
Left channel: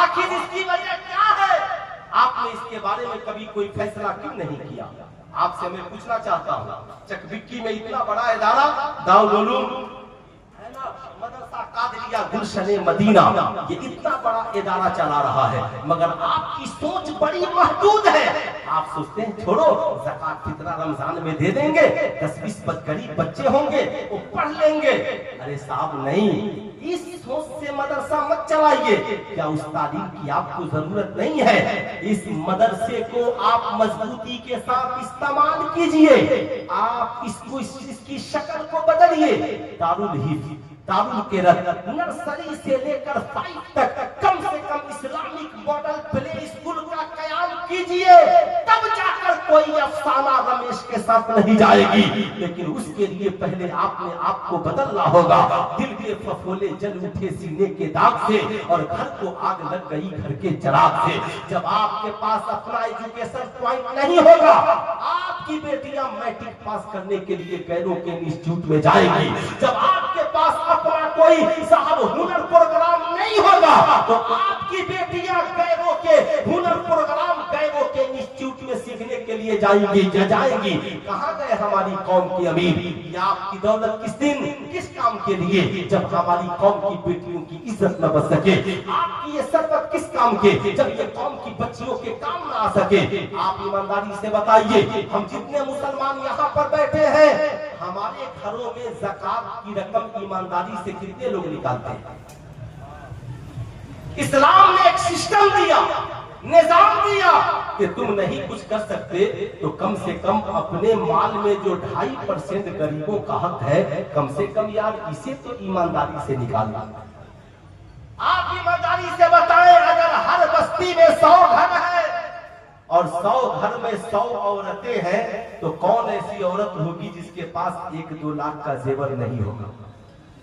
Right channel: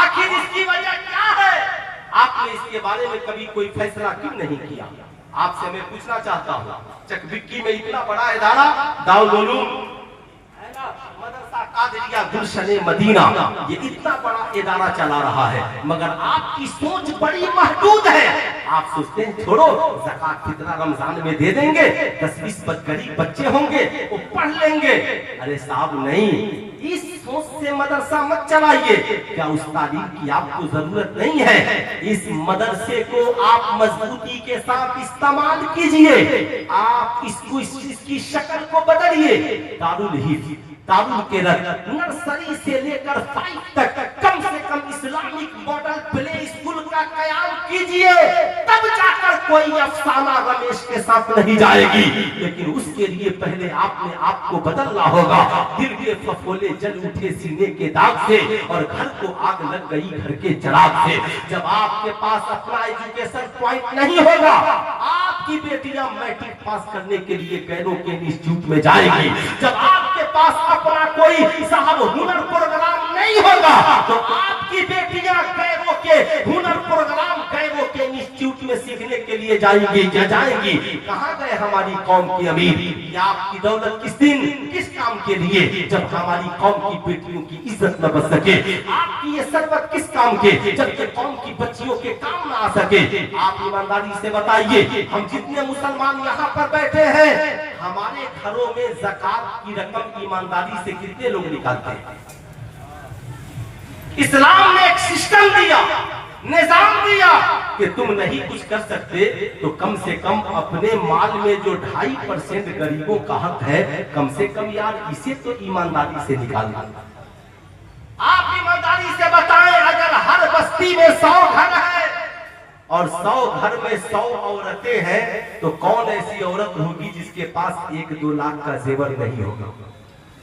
आखिर इसकी वजह क्या है? आपने इसके बारे में कभी कोई फैसला क्यों नहीं किया? आपसे मैं पूछना चाहता हूँ, चकबिक्की में इतना बड़ा इदारा दारुल उलूम है ना, मदरसा कादरिया गुलशने मदीना, ये इतना बड़ा इदारा चला रहा है, मगर आपकी सोच बड़ी महदूद है। आप सोचते हैं छोड़ो, ज़कात फितरा रमजान में दे देंगे, 10-20 गरीब बच्चे होंगे वो पढ़ लेंगे। अरे साहब नहीं, इस सोच से मदरसा मत चलाइए। क्या उस तालीम की आपको जरूरत नहीं है? इस मदरसे को आप मजबूती के साथ इस्तेमाल कीजिए, आप इसकी शक्ल को बदलिए। दारुल हिफ्ज़, दारुल क़िरात, नर्सरी से लेकर 5 तक कम से कम इस्लामिक मॉडल प्ले स्कूल का कयाम कीजिए, तब जाकर कोई अफसाना रमेश के साथ नहीं जाएगी। लेकिन उसके लिए पहले आपने आपको बदलना होगा। दिल के फफोले जल उठे सीने के दाग से और घर को आग लग गई घर के चिराग से। जब आपके पास अपना एजुकेशन पॉइंट नहीं होगा, आपकी बेटियां मैट्रिक पास करने के लिए गैरों के इंस्टीट्यूट में जाएगी। जब आपके पास अपना कोई साहब हुनर प्रोग्राम नहीं होगा, तो आपकी बेटियां गैरों के हुनर प्रोग्राम गैरों के इंस्टीट्यूट में सीखने के लिए जाएंगी। क्या जाएंगी? कहां गए हमारी कौम की अमीर? या आपकी दौलत किस दिन किस काम के लिए, जब हमारी कौम की बेटियों की इज्जत न बच सके? आपकी ये सरबत किस काम के, जब ये कौम की बच्चियों के काम न आ सके? आप ईमानदारी से बताइए, हम जितने मुसलमान यहाँ पर बैठे हैं, हमारे घरों में ज़कात की रकम ईमानदारी से कितने लोग निकालते हैं? इस्लाम ने एक सिस्टम दिया, निजाम दिया कि तुम नहीं कुछ कर सकते तो कम से कम अपने माल में जो 2.5% गरीबों का हक है, कम से कम यार इसे तो ईमानदारी से निकालना। आप ईमानदारी से बताएं, अगर हर बस्ती में 100 घर है और 100 घर में 100 औरतें हैं, तो कौन ऐसी औरत होगी जिसके पास 1-2 लाख का जेवर नहीं होगा?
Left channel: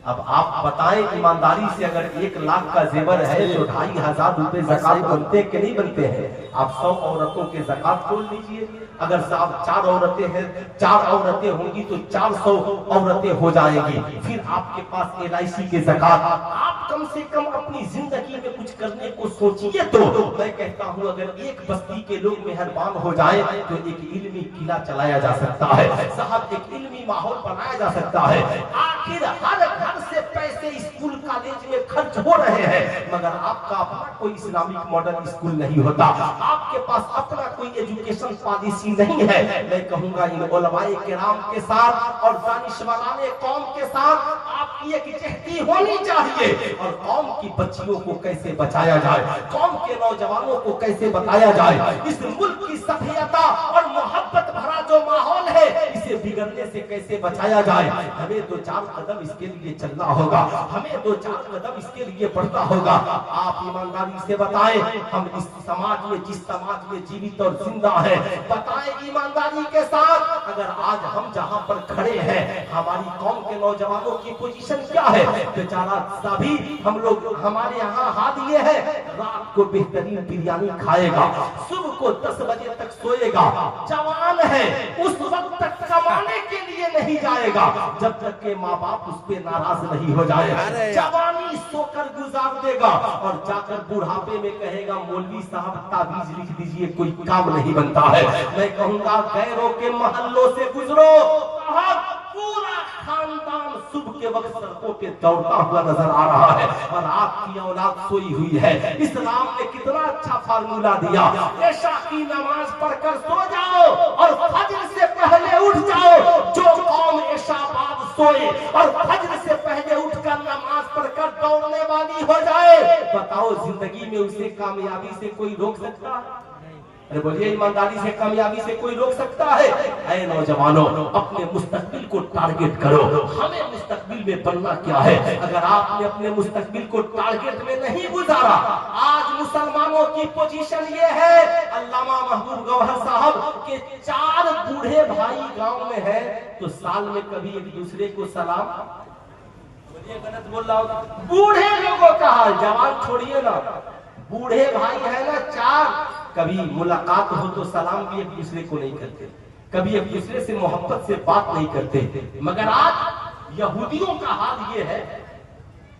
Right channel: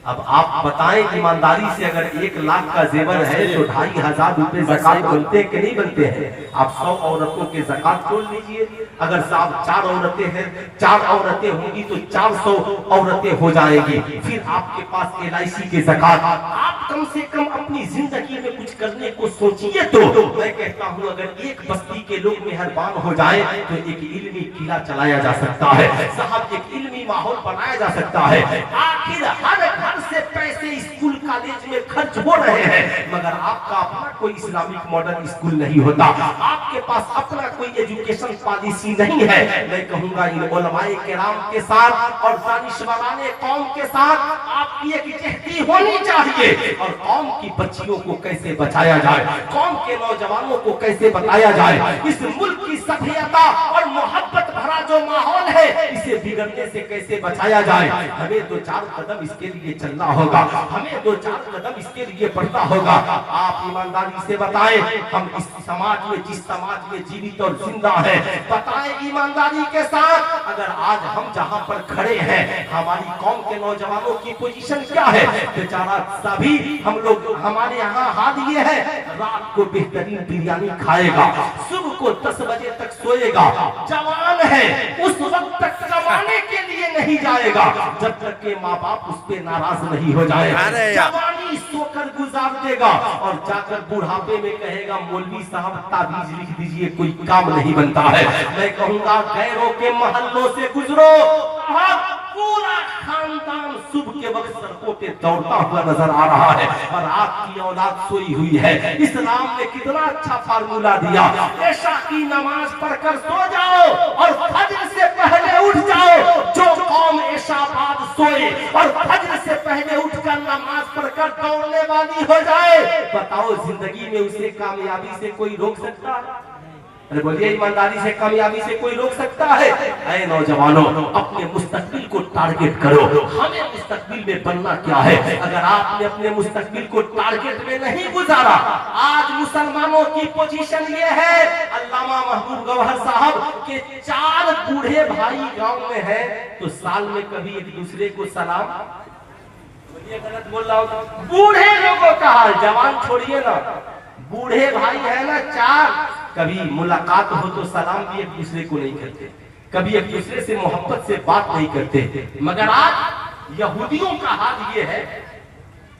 अब आप बताएं ईमानदारी से, अगर 1 लाख का जेवर है तो 2,500 रुपए ज़कात बनते कि नहीं बनते हैं? आप 100 औरतों के ज़कात तोल लीजिए। अगर साहब 4 औरतें हैं, 4 औरतें होंगी तो 400 औरतें हो जाएंगी। फिर आपके पास LIC के ज़कात। आप कम से कम अपनी जिंदगी में कुछ करने को सोचिए। तो मैं कहता हूँ, अगर एक बस्ती के लोग मेहरबान हो जाए तो एक इल्मी किला चलाया जा सकता है साहब, एक इल्मी माहौल बनाया जा सकता है। आखिर हर घर से पैसे स्कूल कॉलेज में खर्च हो रहे हैं, मगर आपका अपना कोई इस्लामिक मॉडल स्कूल नहीं होता, आपके पास अपना कोई एजुकेशन पॉलिसी नहीं है। मैं कहूंगा इन उलमाए किराम के साथ और दानिशवराने कौम के साथ आपकी एक जहदी होनी चाहिए, और कौम की बच्चियों को कैसे बचाया जाए, कौम के नौजवानों को कैसे बताया जाए, इस मुल्क की सभ्यता और मोहब्बत भरा जो माहौल है इसे बिगड़ने से कैसे बचाया जाए। हमें 2-4 कदम इसके लिए चलना होगा, हमें 2-4 कदम इसके लिए बढ़ना होगा। आप ईमानदारी से बताएं, हम इस समाज में, जिस समाज में जीवित और जिंदा है, बताएं ईमानदारी के साथ, अगर आज हम जहां पर खड़े हैं हमारी कौम के नौजवानों की पोजीशन क्या है। बेचारा सभी हम लोग, हमारे यहाँ हाल ये है, रात को बेहतरीन बिरयानी खाएगा, सुबह को 10 बजे तक सोएगा, जवान है उस वक्त तक कमाने के लिए नहीं जाएगा जब तक के माँ बाप उस पे नाराज नहीं हो जाए। जवानी सोकर गुजार देगा और जाकर बुढ़ापे में कहेगा मौलवी साहब ताबीज लिख दीजिए, कोई काम नहीं बनता है। मैं कहूँगा गैरों के महल्लों से गुजरो, पूरा खानदान सुबह के वक्त सड़कों पे दौड़ता हुआ नजर आ रहा है और आपकी औलाद सोई हुई है। इस्लाम ने कितना अच्छा फार्मूला दिया, ऐशा की नमाज पढ़कर सो जाओ और फज्र से पहले उठ जाओ। जो कौम ऐशा बाद सोए और फज्र से पहले उठकर नमाज पढ़कर दौड़ने वाली हो जाए, बताओ जिंदगी में उसे कामयाबी से कोई रोक सकता है? अरे बोलिए, ईमानदारी से कामयाबी से कोई रोक सकता है? ऐ नौजवानों, अपने मुस्तकबिल को टारगेट करो। हमें मुस्तकबिल में बनना क्या है? अगर आपने अपने मुस्तकबिल को टारगेट में नहीं गुजारा, आज मुसलमानों की पोजीशन ये है, अल्लामा महबूब गौहर साहब के 4 बूढ़े भाई गांव में है, तो साल में कभी एक दूसरे को सलाम, बोलिए गलत बोल रहा हूं, बूढ़े लोगों का हाल, जवान छोड़िए ना, बूढ़े भाई है ना 4, कभी मुलाकात हो तो सलाम भी एक दूसरे को नहीं करते, कभी एक दूसरे से मोहब्बत से बात नहीं करते। मगर आज यहूदियों का हाल ये है,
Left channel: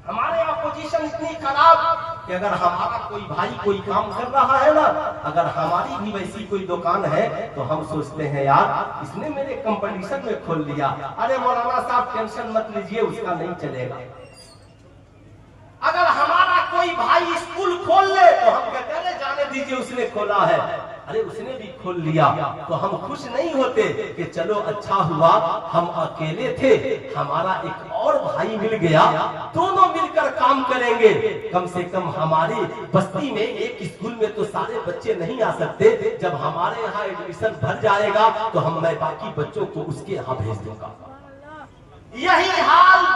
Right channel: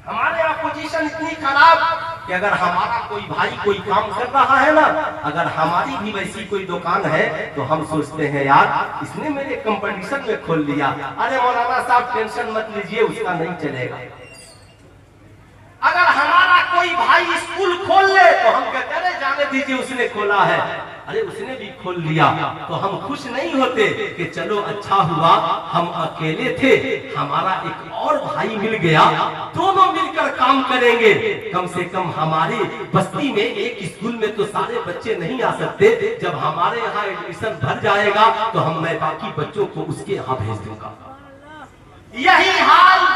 हमारे यहाँ पोजीशन इतनी खराब कि अगर हमारा कोई भाई कोई काम कर रहा है ना, अगर हमारी भी वैसी कोई दुकान है तो हम सोचते हैं यार इसने मेरे कंपटीशन में खोल लिया, अरे मौलाना साहब टेंशन मत लीजिए, उसका नहीं चलेगा। अगर हमारा कोई भाई स्कूल खोल ले तो हम कहते हैं अरे जाने दीजिए उसने खोला है, अरे उसने भी खोल लिया, तो हम खुश नहीं होते कि चलो अच्छा हुआ हम अकेले थे, हमारा एक और भाई मिल गया, दोनों मिलकर काम करेंगे। कम से कम हमारी बस्ती में एक स्कूल में तो सारे बच्चे नहीं आ सकते, जब हमारे यहाँ एडमिशन भर जाएगा तो मैं बाकी बच्चों को उसके यहाँ भेज दूंगा। यही हाल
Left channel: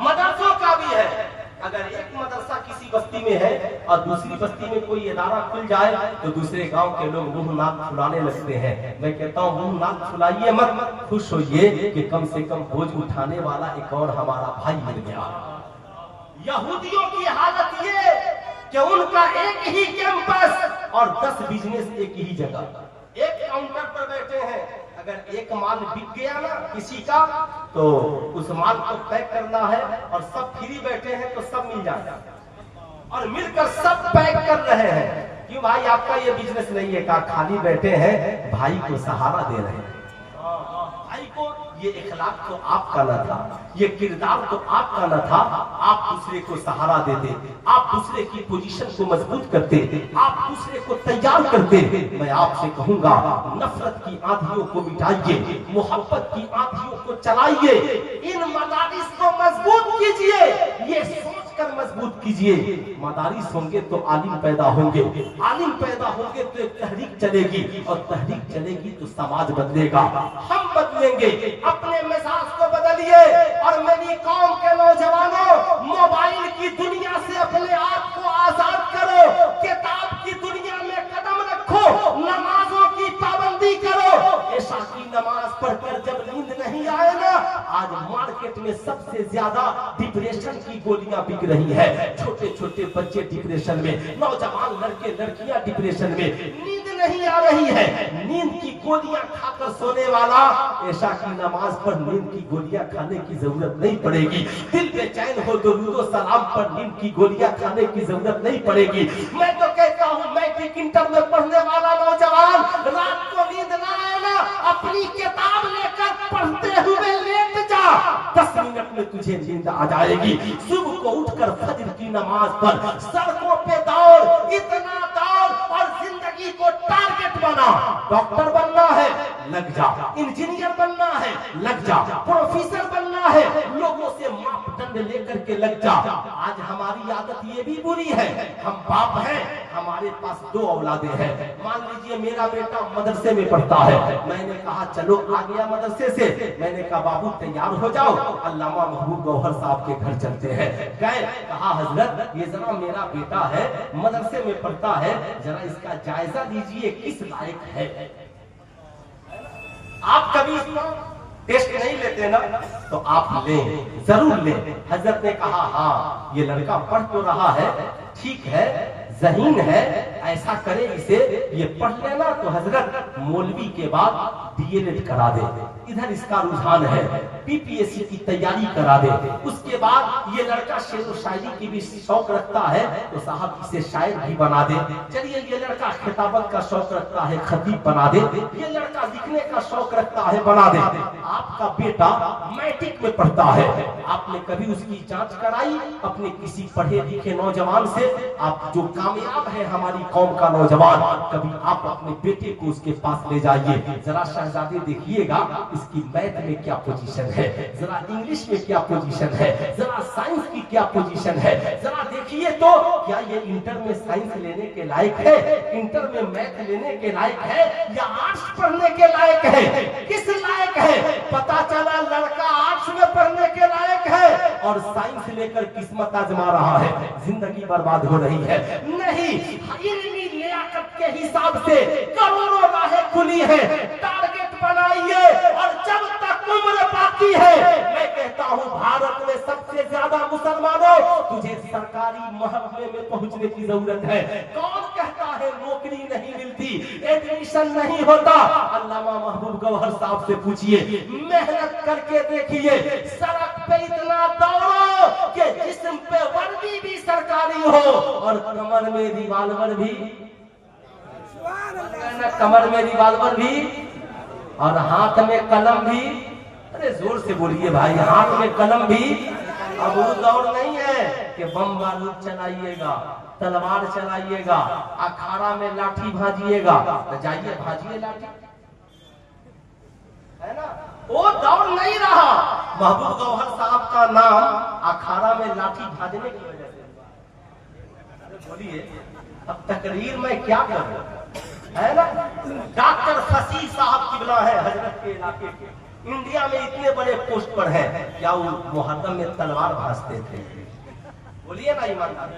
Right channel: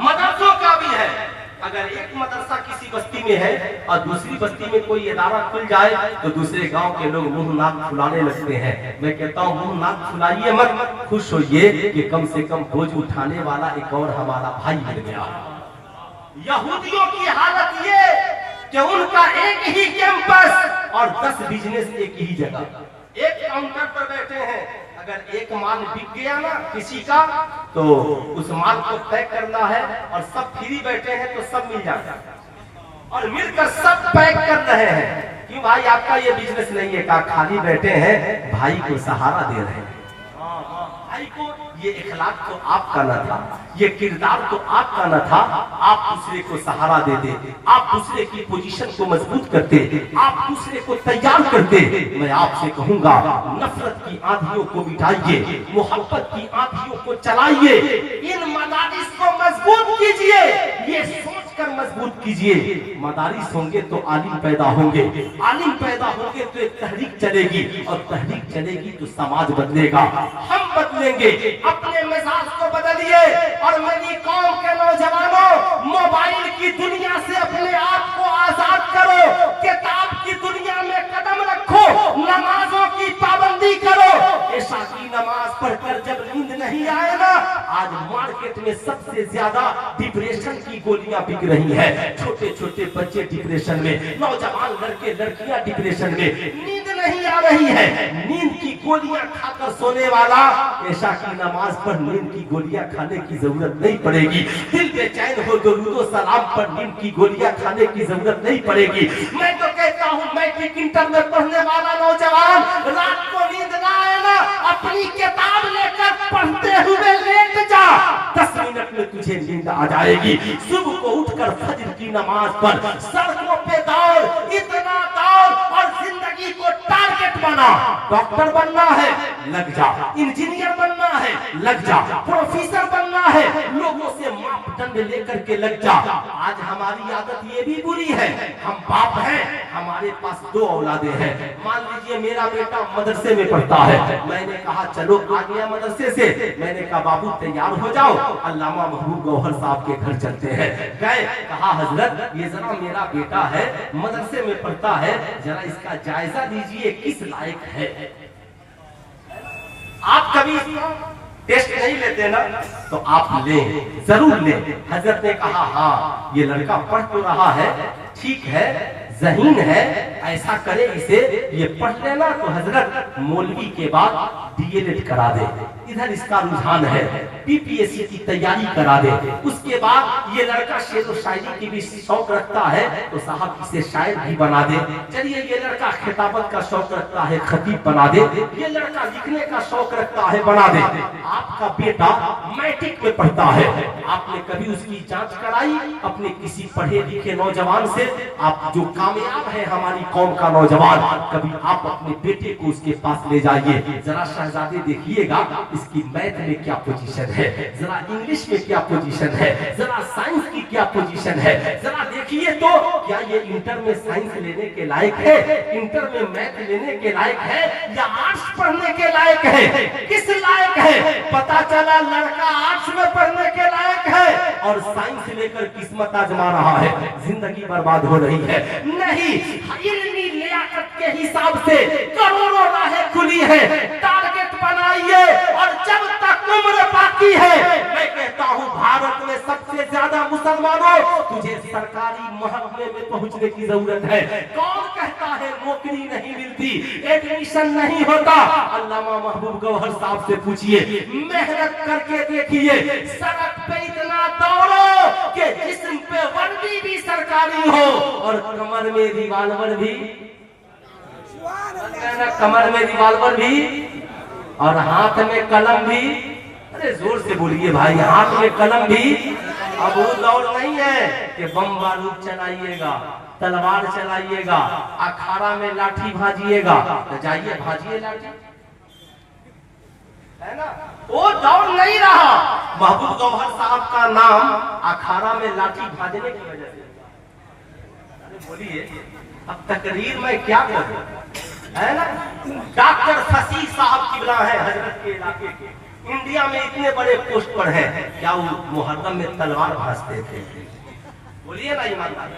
मदरसों का भी है। अगर एक मदरसा किसी बस्ती में है और दूसरी बस्ती में कोई इदारा खुल जाए तो दूसरे गांव के लोग मुंह नाक फुलाने लगते हैं। मैं कहता हूँ मुंह नाक फुलाइए मत, खुश होइए कि कम से कम बोझ उठाने वाला एक और हमारा भाई मिल गया। यहूदियों की हालत ये कि उनका एक ही कैंपस और 10 बिजनेस एक ही जगह, एक काउंटर पर बैठे हैं, अगर एक माल बिक गया ना किसी का तो उस माल को पैक करना है और सब फ्री बैठे हैं तो सब मिल जाएगा और मिलकर सब पैक कर रहे हैं। क्यों भाई आपका ये बिजनेस नहीं है? कहा खाली बैठे हैं, भाई को सहारा दे रहे हैं। भाई को ये इखलाक तो आपका न था, ये किरदार तो आपका न था, आप दूसरे को सहारा देते, आप दूसरे की पोजीशन को मजबूत करते, आप दूसरे को तैयार करते। मैं आपसे कहूंगा नफरत की आंधियों को मिटाइए, मोहब्बत की आंधियों को चलाइए, इन मदारिस को मजबूत कीजिए, ये सोचकर मजबूत कीजिए मदारिस होंगे तो आलिम पैदा होंगे, आलिम पैदा होंगे तो एक तहरीक चलेगी और तहरीक चलेगी तो समाज बदलेगा, हम बदलेंगे। अपने मिजाज को बदलिए और मेरी कौम के नौजवानों मोबाइल की दुनिया से अपने आप को आजाद करो, किताब की दुनिया में कदम रखो, नमाजों की पाबंदी करो। ऐशा की नमाज पढ़कर जब नींद नहीं आए ना, आज मार्केट में सबसे ज्यादा डिप्रेशन की गोलियां बिक रही है, छोटे छोटे बच्चे डिप्रेशन में, नौजवान लड़के लड़कियां डिप्रेशन में, नींद नहीं आ रही है, नींद की गोलियां खाकर सोने वाला ऐशा की नमाज पर नींद की गोलियां खाने की जरूरत नहीं पड़ेगी, दिल बेचैन हो दुरूद और सलाम पर नींद की गोलियां खाने की जरूरत नहीं पड़ेगी। मैं तो कहता हूँ मैट्रिक इंटर में पढ़ने वाला नौजवान रात को नींद ना आए ना, अपनी किताब लेकर पढ़ते हुए लेट जा, 10 मिनट में तुझे नींद आ जाएगी। सुबह को उठकर फजर की नमाज पर सड़कों पे दौड़, इतना दौड़ और जिंदगी को टारगेट बना। डॉक्टर बनना है, लग जा। इंजीनियर बनना है, लग जा। प्रोफेसर बनना है, लोगों से मापदंड लेकर के लग जा। आज हमारी आदत ये भी बुरी है, हम बाप हैं, हमारे पास 2 औलादे हैं। मान लीजिए मेरा बेटा मदरसे में पढ़ता है, मैंने कहा चलो आ गया मदरसे से, मैंने कहा बाबू तैयार हो जाओ, अल्लामा महबूब गौहर साहब के घर चलते हैं। गए, कहा हजरत ये जरा मेरा बेटा है, मदरसे में पढ़ता है, जरा इसका जायजा लीजिए किस लायक है। आप कभी टेस्ट नहीं लेते ना, तो आप लें, जरूर लें। हजरत ने कहा हाँ ये लड़का पढ़ तो रहा है, ठीक है, ज़हीन है, ऐसा करे इसे ये पढ़ लेना तो हजरत मौलवी के बाद डीएलएड करा दे, इधर इसका रुझान है, पीपीएससी की तैयारी करा दे। उसके बाद ये लड़का शेर व शायरी की भी शौक रखता है तो साहब इसे शायर भी बना दे। चलिए ये लड़का खिताबत का शौक रखता है, खतीब बना दे। ये लड़का लिखने का शौक रखता है, बना दे। आपका बेटा मैट्रिक में पढ़ता है, आपने कभी उसकी जांच कराई अपने किसी पढ़े लिखे नौजवान से? आप जो कामयाब है हमारी कौम का नौजवान, कभी आप अपने बेटे को उसके पास ले जाइए, जरा शहजादे देखिएगा इसकी मैथ में क्या पोजीशन है, जरा इंग्लिश में क्या पोजीशन है, जरा साइंस की क्या पोजीशन है, जरा देखिए तो क्या ये इंटर में साइंस लेने के लायक है, इंटर में मैथ लेने के लायक है, या आर्ट्स पढ़ने के लायक है? किस लायक है? पता चला लड़का आर्ट्स में पढ़ने के लायक है और साइंस लेकर किस्मत आजमा रहा है, जिंदगी बर्बाद हो रही है। नहीं, इल्मी लियाकत के हिसाब से करोड़ों राहें खुली है, टारगेट बनाइए और जब तक उम्र बाकी है, मैं कहता हूँ भारत में सबसे ज्यादा मुसलमानों, तुझे सरकारी महकमे में पहुंचने की जरूरत है। कौन कहता है नौकरी नहीं मिलती, एडमिशन नहीं होता? अल्लामा महबूब गौहर साहब से पूछिए, मेहनत करके देखिए, सड़क पे इतना दौड़ो कि जिस्म पे वर्दी भी सरकारी हो और कमर में रिवाल्वर भी, कमर में रिवाल्वर भी और हाथ में कलम भी। अरे जोर से बोलिए भाई, हाथ में कलम भी। अब वो दौड़ नहीं है कि बम बारूद चलाइएगा, तलवार चलाइएगा, अखाड़ा में लाठी भाजिएगा, तो जाइए भाजिए लाठी, है ना? वो दौड़ नहीं रहा। महबूब गौहर साहब का नाम अखाड़ा में लाठी भाजने की वजह से। अरे बोलिए अब तकरीर में क्या करूं, है ना? डॉक्टर फसीह साहब किबला है हजरत के इलाके के, इंडिया में इतने बड़े पोस्ट पर है, क्या वो मुहर्रम में तलवार भाजते थे? बोलिए ना ईमानदार,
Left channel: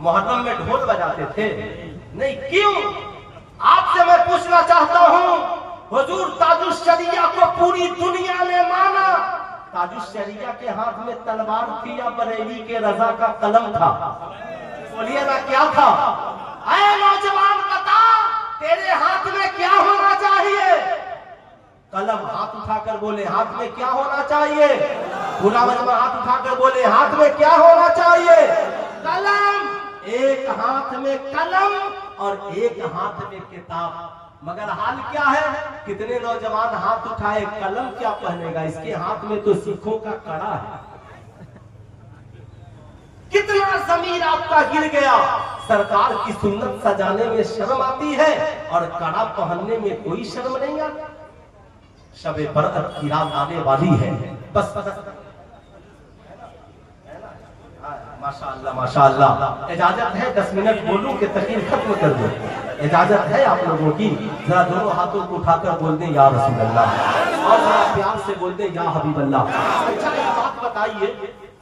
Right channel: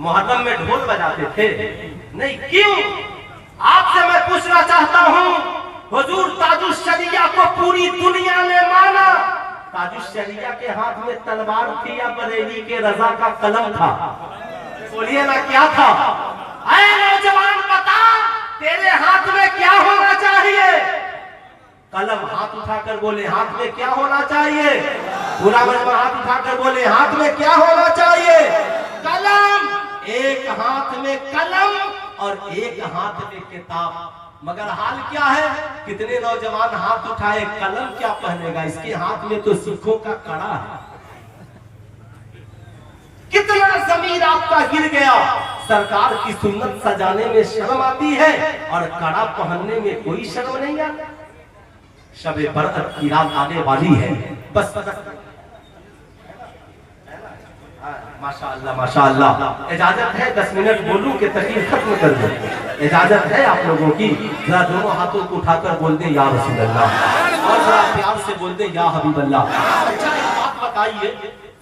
मुहर्रम में ढोल बजाते थे? नहीं। क्यों? आपसे मैं पूछना चाहता हूँ, हुजूर ताजुश शरिया को पूरी दुनिया ने माना, ताजुश शरिया के हाथ में तलवार थी या बरेली के रजा का कलम था? बोलिए ना क्या था? ऐ नौजवान बता, तेरे हाथ में क्या होना चाहिए? कलम। हाथ उठाकर बोले हाथ में क्या होना चाहिए? पूरा मजमा हाथ उठाकर बोले हाथ में क्या होना चाहिए? कलम। एक हाथ में कलम और एक हाथ में किताब। मगर हाल क्या है, कितने नौजवान हाथ उठाए, कलम क्या पहनेगा, इसके हाथ में तो सिखों का कड़ा है। कितना जमीन आपका गिर गया। सरकार की सुन्नत सजाने में शर्म आती है और कड़ा पहनने में कोई शर्म नहीं आती। शबे बरअत की रात आने वाली है, बस माशाअल्लाह माशाअल्लाह। इजाजत है 10 मिनट बोलूं कि तकरीर खत्म कर दूं? इजाजत है आप लोगों की? जरा दोनों हाथों को उठाकर बोल दे या रसूल अल्लाह, और जरा प्यार से बोल दे या हबीब अल्लाह। अच्छा एक बात बताइए,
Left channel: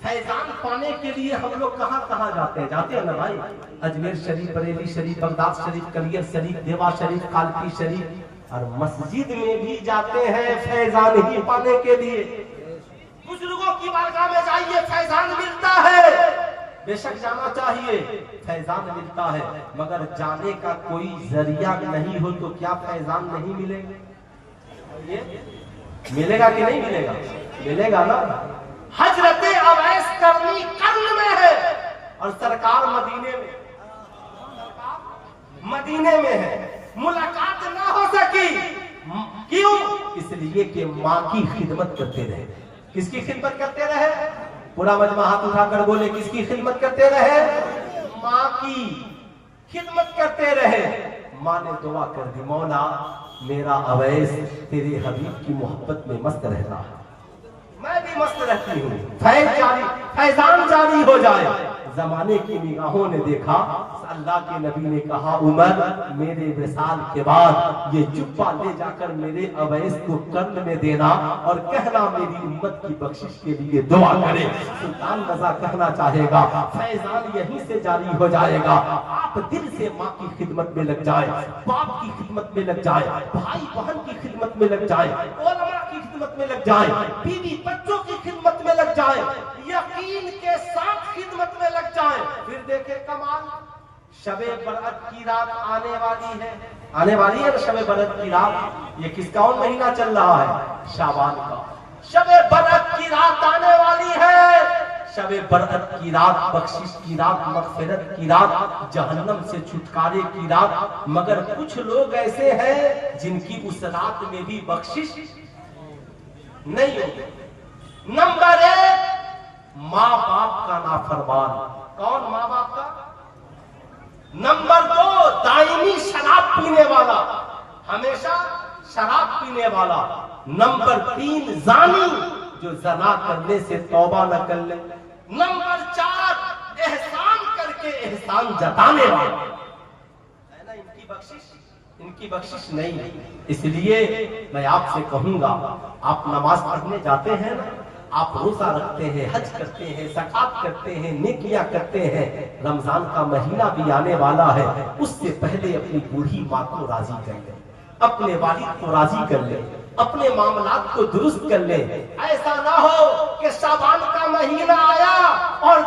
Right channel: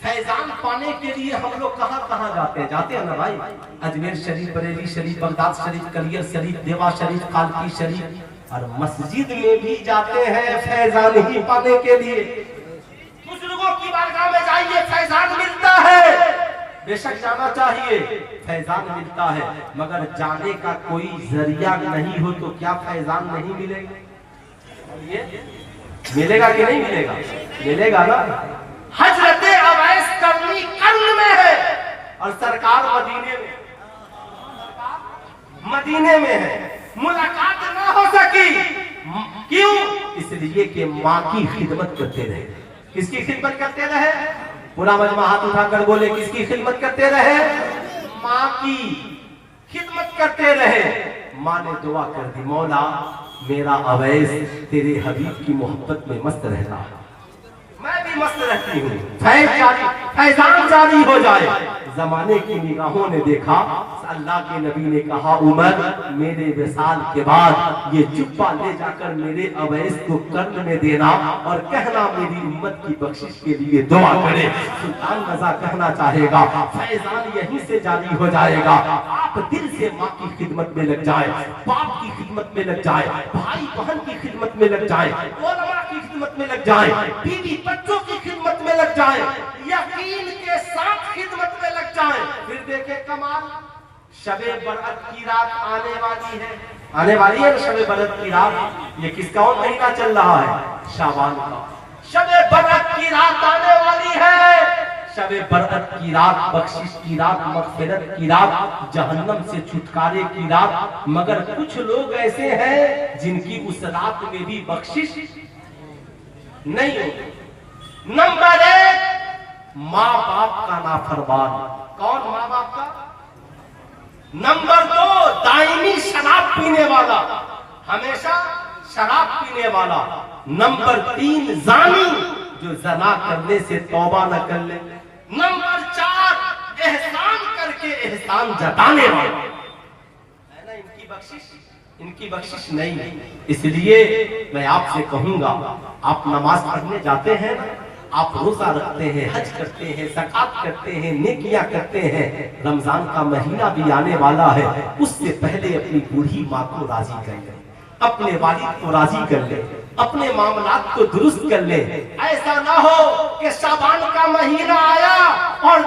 फैजान पाने के लिए हम लोग कहाँ कहाँ जाते हैं? जाते हैं ना भाई, अजमेर शरीफ, बरेली शरीफ, बगदाद शरीफ, कलियर शरीफ, देवा शरीफ, कालकी शरीफ, और मस्जिद में भी जाते हैं फैजान ही पाने के लिए। बुजुर्गों की बारगाह में जाइए, फैजान मिलता है, बेशक जाना चाहिए, फैजान मिलता है, मगर जाने का कोई जरिया नहीं हो तो क्या फैजान नहीं मिलेगा? मिलेगा कि नहीं मिलेगा? मिलेगा ना। हजरत अवैस करनी कर्न में है और सरकार मदीने में है। मुलाकात ना हो सकी। क्यों? इसलिए कि माँ की खिदमत करते रहे। किसकी खिदमत करते रहे? पूरा मजमा हाथ उठाकर बोले, किसकी खिदमत करते रहे? माँ की खिदमत करते रहे। माँ ने दुआ कर दी, मौला मेरा अवैस तेरे हबीब की मोहब्बत में मस्त रहता है, मैं भी मस्त रहती हूँ, फैजान जारी हो जाए। जमाने की निगाहों ने देखा, अल्लाह के नबी ने कहा, उमर मेरे विसाल के बाद ये जुब्बा ले जाकर मेरे अवैस को कर्न में देना और कहना मेरी उम्मत की बख्शिश के लिए दुआ करे। सुल्तान रजा कहना चाहेगा, फैजान यहीं से जारी हो जाएगा। आप दिल से माँ की खिदमत में लग जाए, बाप की खिदमत में लग जाए, भाई बहन की खिदमत में लग जाए, उलमा की खिदमत में लग जाए, बीवी बच्चों की खिदमत में लग जाए, यकीन के साथ खिदमत में लग जाए, फिर देखे कमाल। शबे बरअत की रात आने वाली है, आने वाली है शबे बरअत की रात। ये किसका महीना चल रहा है? शाबान का। शबे बरअत की रात आने वाली है, शबे बरअत की रात, बख्शिश की रात, मग़फ़िरत की रात, जहन्नम से छुटकारे की रात। मगर कुछ लोग ऐसे हैं जिनकी उस रात में भी बख्शिश नहीं होगी। नंबर 1, माँ बाप का नाफरमान। कौन? माँ बाप का। नंबर 2, दायमी शराब पीने वाला, हमेशा शराब पीने वाला। नंबर 3, जानी, जो ज़ना करने से तौबा न कर ले। नंबर 4, एहसान करके एहसान जताने वाला, है ना। इनकी बख्शिश नहीं। इसलिए मैं आपसे कहूंगा, आप नमाज पढ़ने जाते हैं, आप रोजा रखते हैं, हज करते हैं, ज़कात करते हैं, नेकियां करते हैं, रमजान का महीना भी आने वाला है, उससे पहले अपनी बूढ़ी माँ को राजी कर ले, अपने वालिद को राजी कर ले, अपने मामलात को दुरुस्त कर ले। ऐसा ना हो कि शाबान का महीना आया और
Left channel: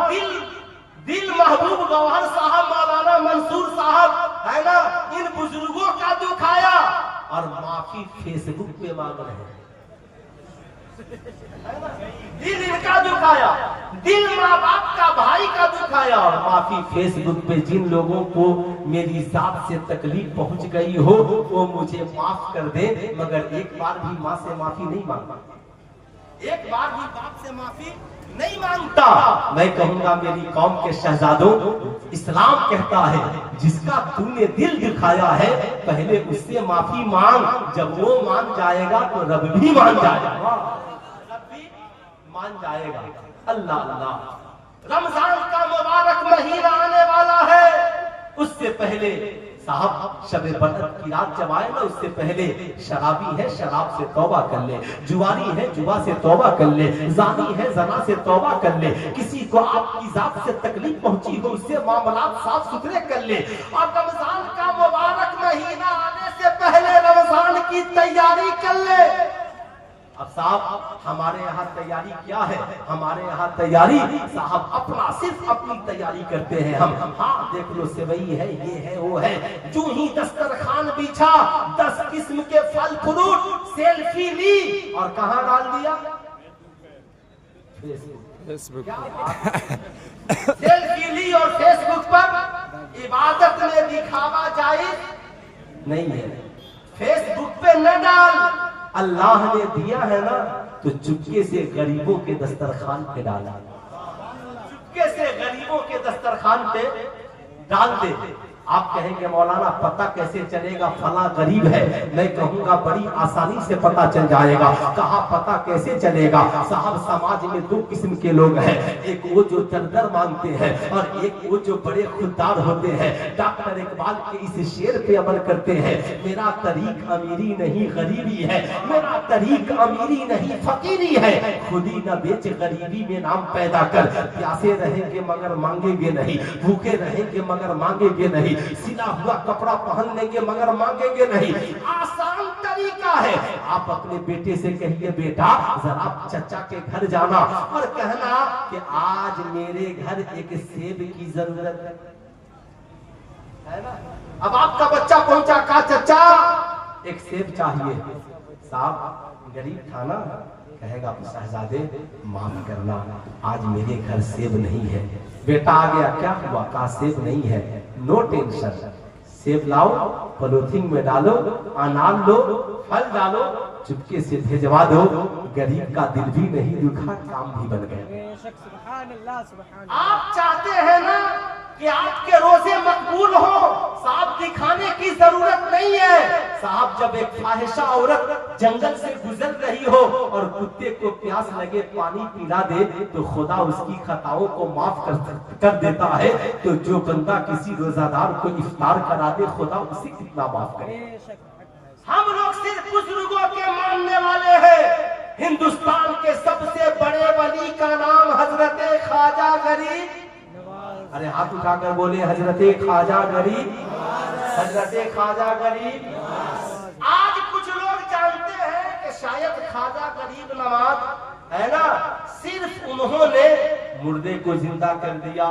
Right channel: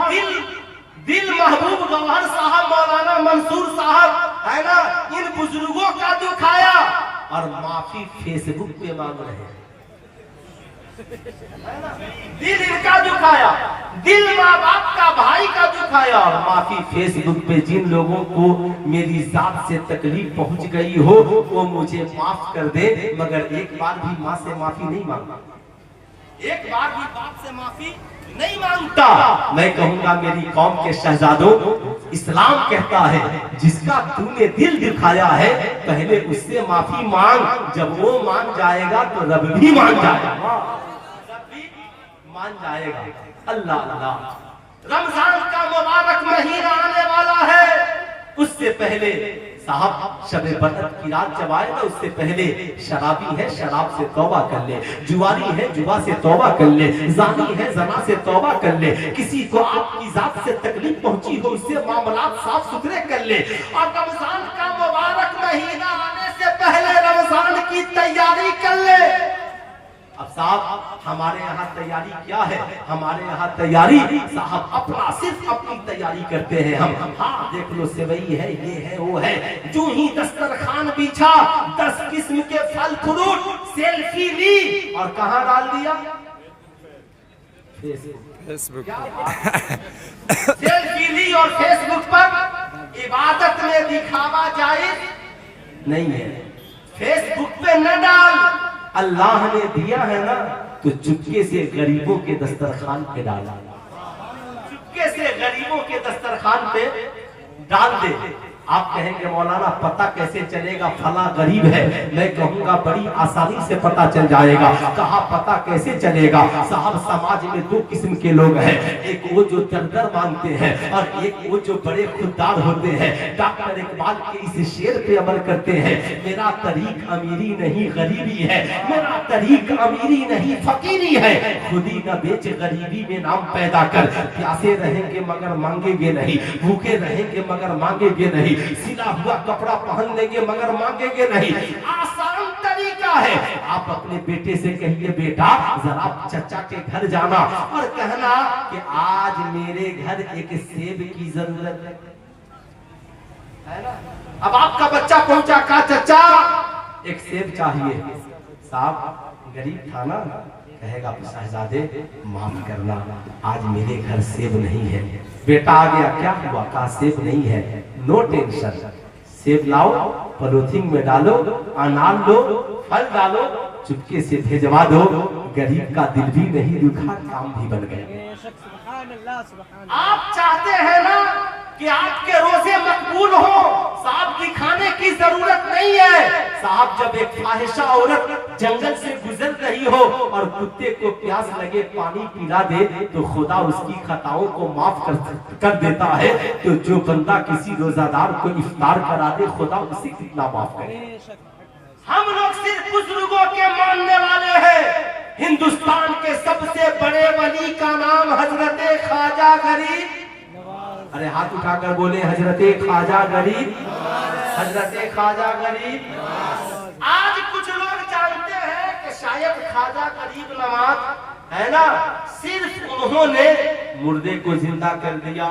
दिल महबूब गवाहर साहब, मौलाना मंसूर साहब, है ना, इन बुजुर्गों का दुखाया और माफी फेसबुक पे मांग रहे हैं। दिल इनका दुखाया, दिल माँ बाप का, भाई का दुखाया और माफी फेसबुक पे जिन लोगों को मेरी जात से तकलीफ पहुंच गई हो वो मुझे माफ कर दे, मगर एक बार भी माँ से माफी नहीं मांगा, एक बार भी बाप से माफी नहीं मांगता। मैं कहूंगा मेरी कौम के शहजादों, इस्लाम कहता है जिसका तूने दिल दिखाया है पहले उससे माफी मांग, जब वो मान जाएगा तो रब भी मान जाएगा, मान जाएगा। अल्लाह अल्लाह। रमजान का मुबारक महीना आने वाला है, उससे पहले साहब शबे बरअत की रात जब आए ना, उससे पहले शराबी है शराब से तौबा कर ले, जुआरी है जुआ से तौबा कर ले, जानी है जना से तौबा कर ले, किसी को आपकी जात से तकलीफ पहुंची हो उससे मामलात साफ सुथरे कर ले। और रमजान का मुबारक महीना आने से पहले रमजान की तैयारी कर ले। अब साहब हमारे यहाँ तैयारी क्या है? हमारे यहाँ तैयारी साहब अपना सिर्फ अपनी तैयारी करते हैं हम। हाँ देख लो, सेवई है, ये है, वो है। जो ही दस्तरखान बिछा, 10 किस्म के फल फ्रूट, सेल्फी ली और कहाँ डाल दिया? फेसबुक। सेल्फी ली और फेसबुक पर। इबादत में दिखावा जायज नहीं है, फेसबुक पे न डाल। अल्लाह ने दिया है ना तो चुपके से गरीबों के दस्तरखान पे डाला, चुपके से गरीबों के दस्तरखान पे डाल दे। आप कहेंगे मौलाना पता कैसे चलेगा फला गरीब है? मैं कहूंगा बड़ी आसानी से पता चल जाएगा। कहा पता कैसे चलेगा? साहब समाज में 2 किस्म के लोग हैं, एक वो जो दर मांगते हैं और एक वो जो बड़े खुददार होते हैं। डॉक्टर इकबाल के इस शेर पे अमल करते हैं, मेरा तरीक अमीरी नहीं गरीबी है, मेरा तरीक अमीरी नहीं फकीरी है, खुदी न बेच गरीबी में नाम पैदा कर। प्यासे रहेंगे मगर मांगेंगे नहीं, भूखे रहेंगे मगर मांगेंगे नहीं, सिला हुआ कपड़ा पहन लेंगे मगर मांगेंगे नहीं। आसान तरीका है। आप अपने बेटे से कहिए बेटा जरा चचा के घर जाना और कहना कि आज मेरे घर एक सेब की जरूरत है ना। अब आपका बच्चा पहुंचा, कहा चचा एक सेब चाहिए। साहब गरीब था ना, कहेगा शहजादे माफ करना आज मेरे घर सेब नहीं है। बेटा आ गया, क्या हुआ? कहा सेब नहीं है। नो टेंशन, सेब लाओ पॉलिथीन में डालो, अनार लो, फल डालो, चुपके से भेजवा दो। गरीब का दिल भी नहीं दुखा, काम भी बन गए। आप चाहते हैं ना कि आपके रोजे मकबूल हो, साहब दिखाने की जरूरत नहीं है। साहब जब एक फाहिशा औरत जंगल से गुजर रही हो और कुत्ते को प्यास लगे पानी पिला दे तो खुदा उसकी खताओं को माफ कर देता है। तो जो बंदा किसी रोजादार को इफ्तार करा दे, खुदा उसे कितना माफ करे। हम लोग सिर्फ बुजुर्गों के मानने वाले हैं। हिंदुस्तान के सबसे बड़े वली का नाम हजरत ख्वाजा गरीब, अरे हाथ उठाकर बोले हजरते ख्वाजा गरीब, हजरते ख्वाजा गरीब। आज कुछ लोग जानते हैं कि शायद ख्वाजा गरीब नवाज है ना, सिर्फ उन्होंने मुर्दे को जिंदा कर दिया,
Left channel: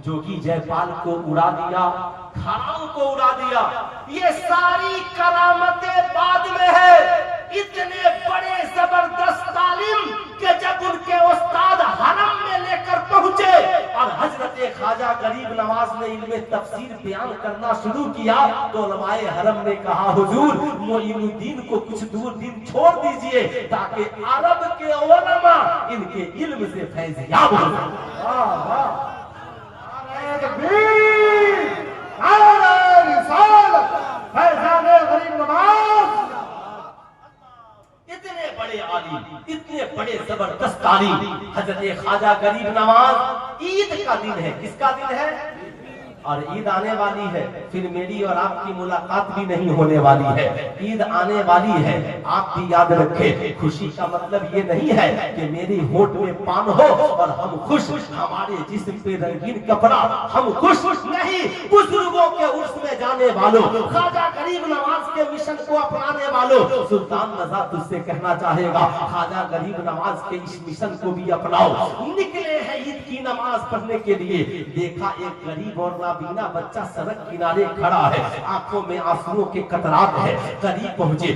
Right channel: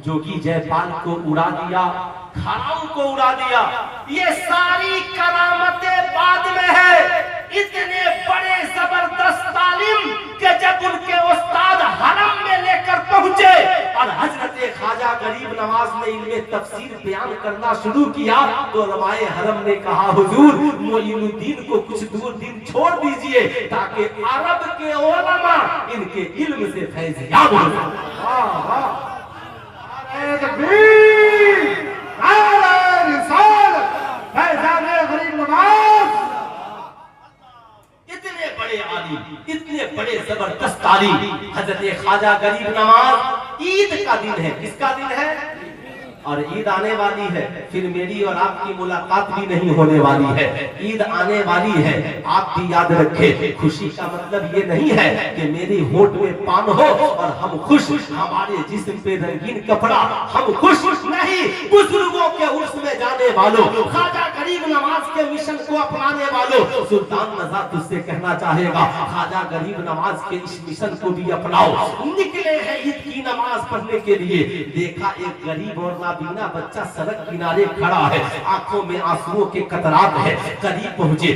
जोगी जयपाल को उड़ा दिया, खाराओं को उड़ा दिया। ये सारी करामतें बाद में है। इतने बड़े जबरदस्त तालीम कि जब उनके उस्ताद हरम में लेकर पहुंचे और हजरत ख्वाजा गरीब नवाज ने इनमें तफसीर बयान करना शुरू किया तो उलमाए हरम ने कहा, हुजूर मोइनुद्दीन को कुछ दूर दिन छोड़ दीजिए ताकि अरब के उलमा इनके इल्म से फैज़याब हो जाए। वाह वाह, इतने बड़े आलिम, इतने बड़े जबरदस्त तालीम हजरत ख्वाजा गरीब नवाज। ईद का दिन है, किसका दिन है? और ईद आने वाली है, फिर मेरी और आपकी मुलाकात भी नहीं होने वाली है। ईद आने वाली है, आप भी याद रखें। खुशी का मतलब ये नहीं है कि मेरे होठ में पान हो और हम खुश, हमारे जिस्म पे रंगीन कपड़ा, हम खुश नहीं। बुजुर्गों के उर्स में जाने वालों, ख्वाजा गरीब नवाज के मिशन को अपनाने वालों, सुल्तान नज़ा तुझसे कहना चाहेगा, ख्वाजा गरीब नवाज के इस मिशन को भी अपनाओ। निकले हैं ईद की नमाज पढ़ने के लिए, देखा एक गरीब और नाबीना बच्चा सड़क किनारे खड़ा है, आंखों में आंसुओं के कतरात है। करीब पहुंचे,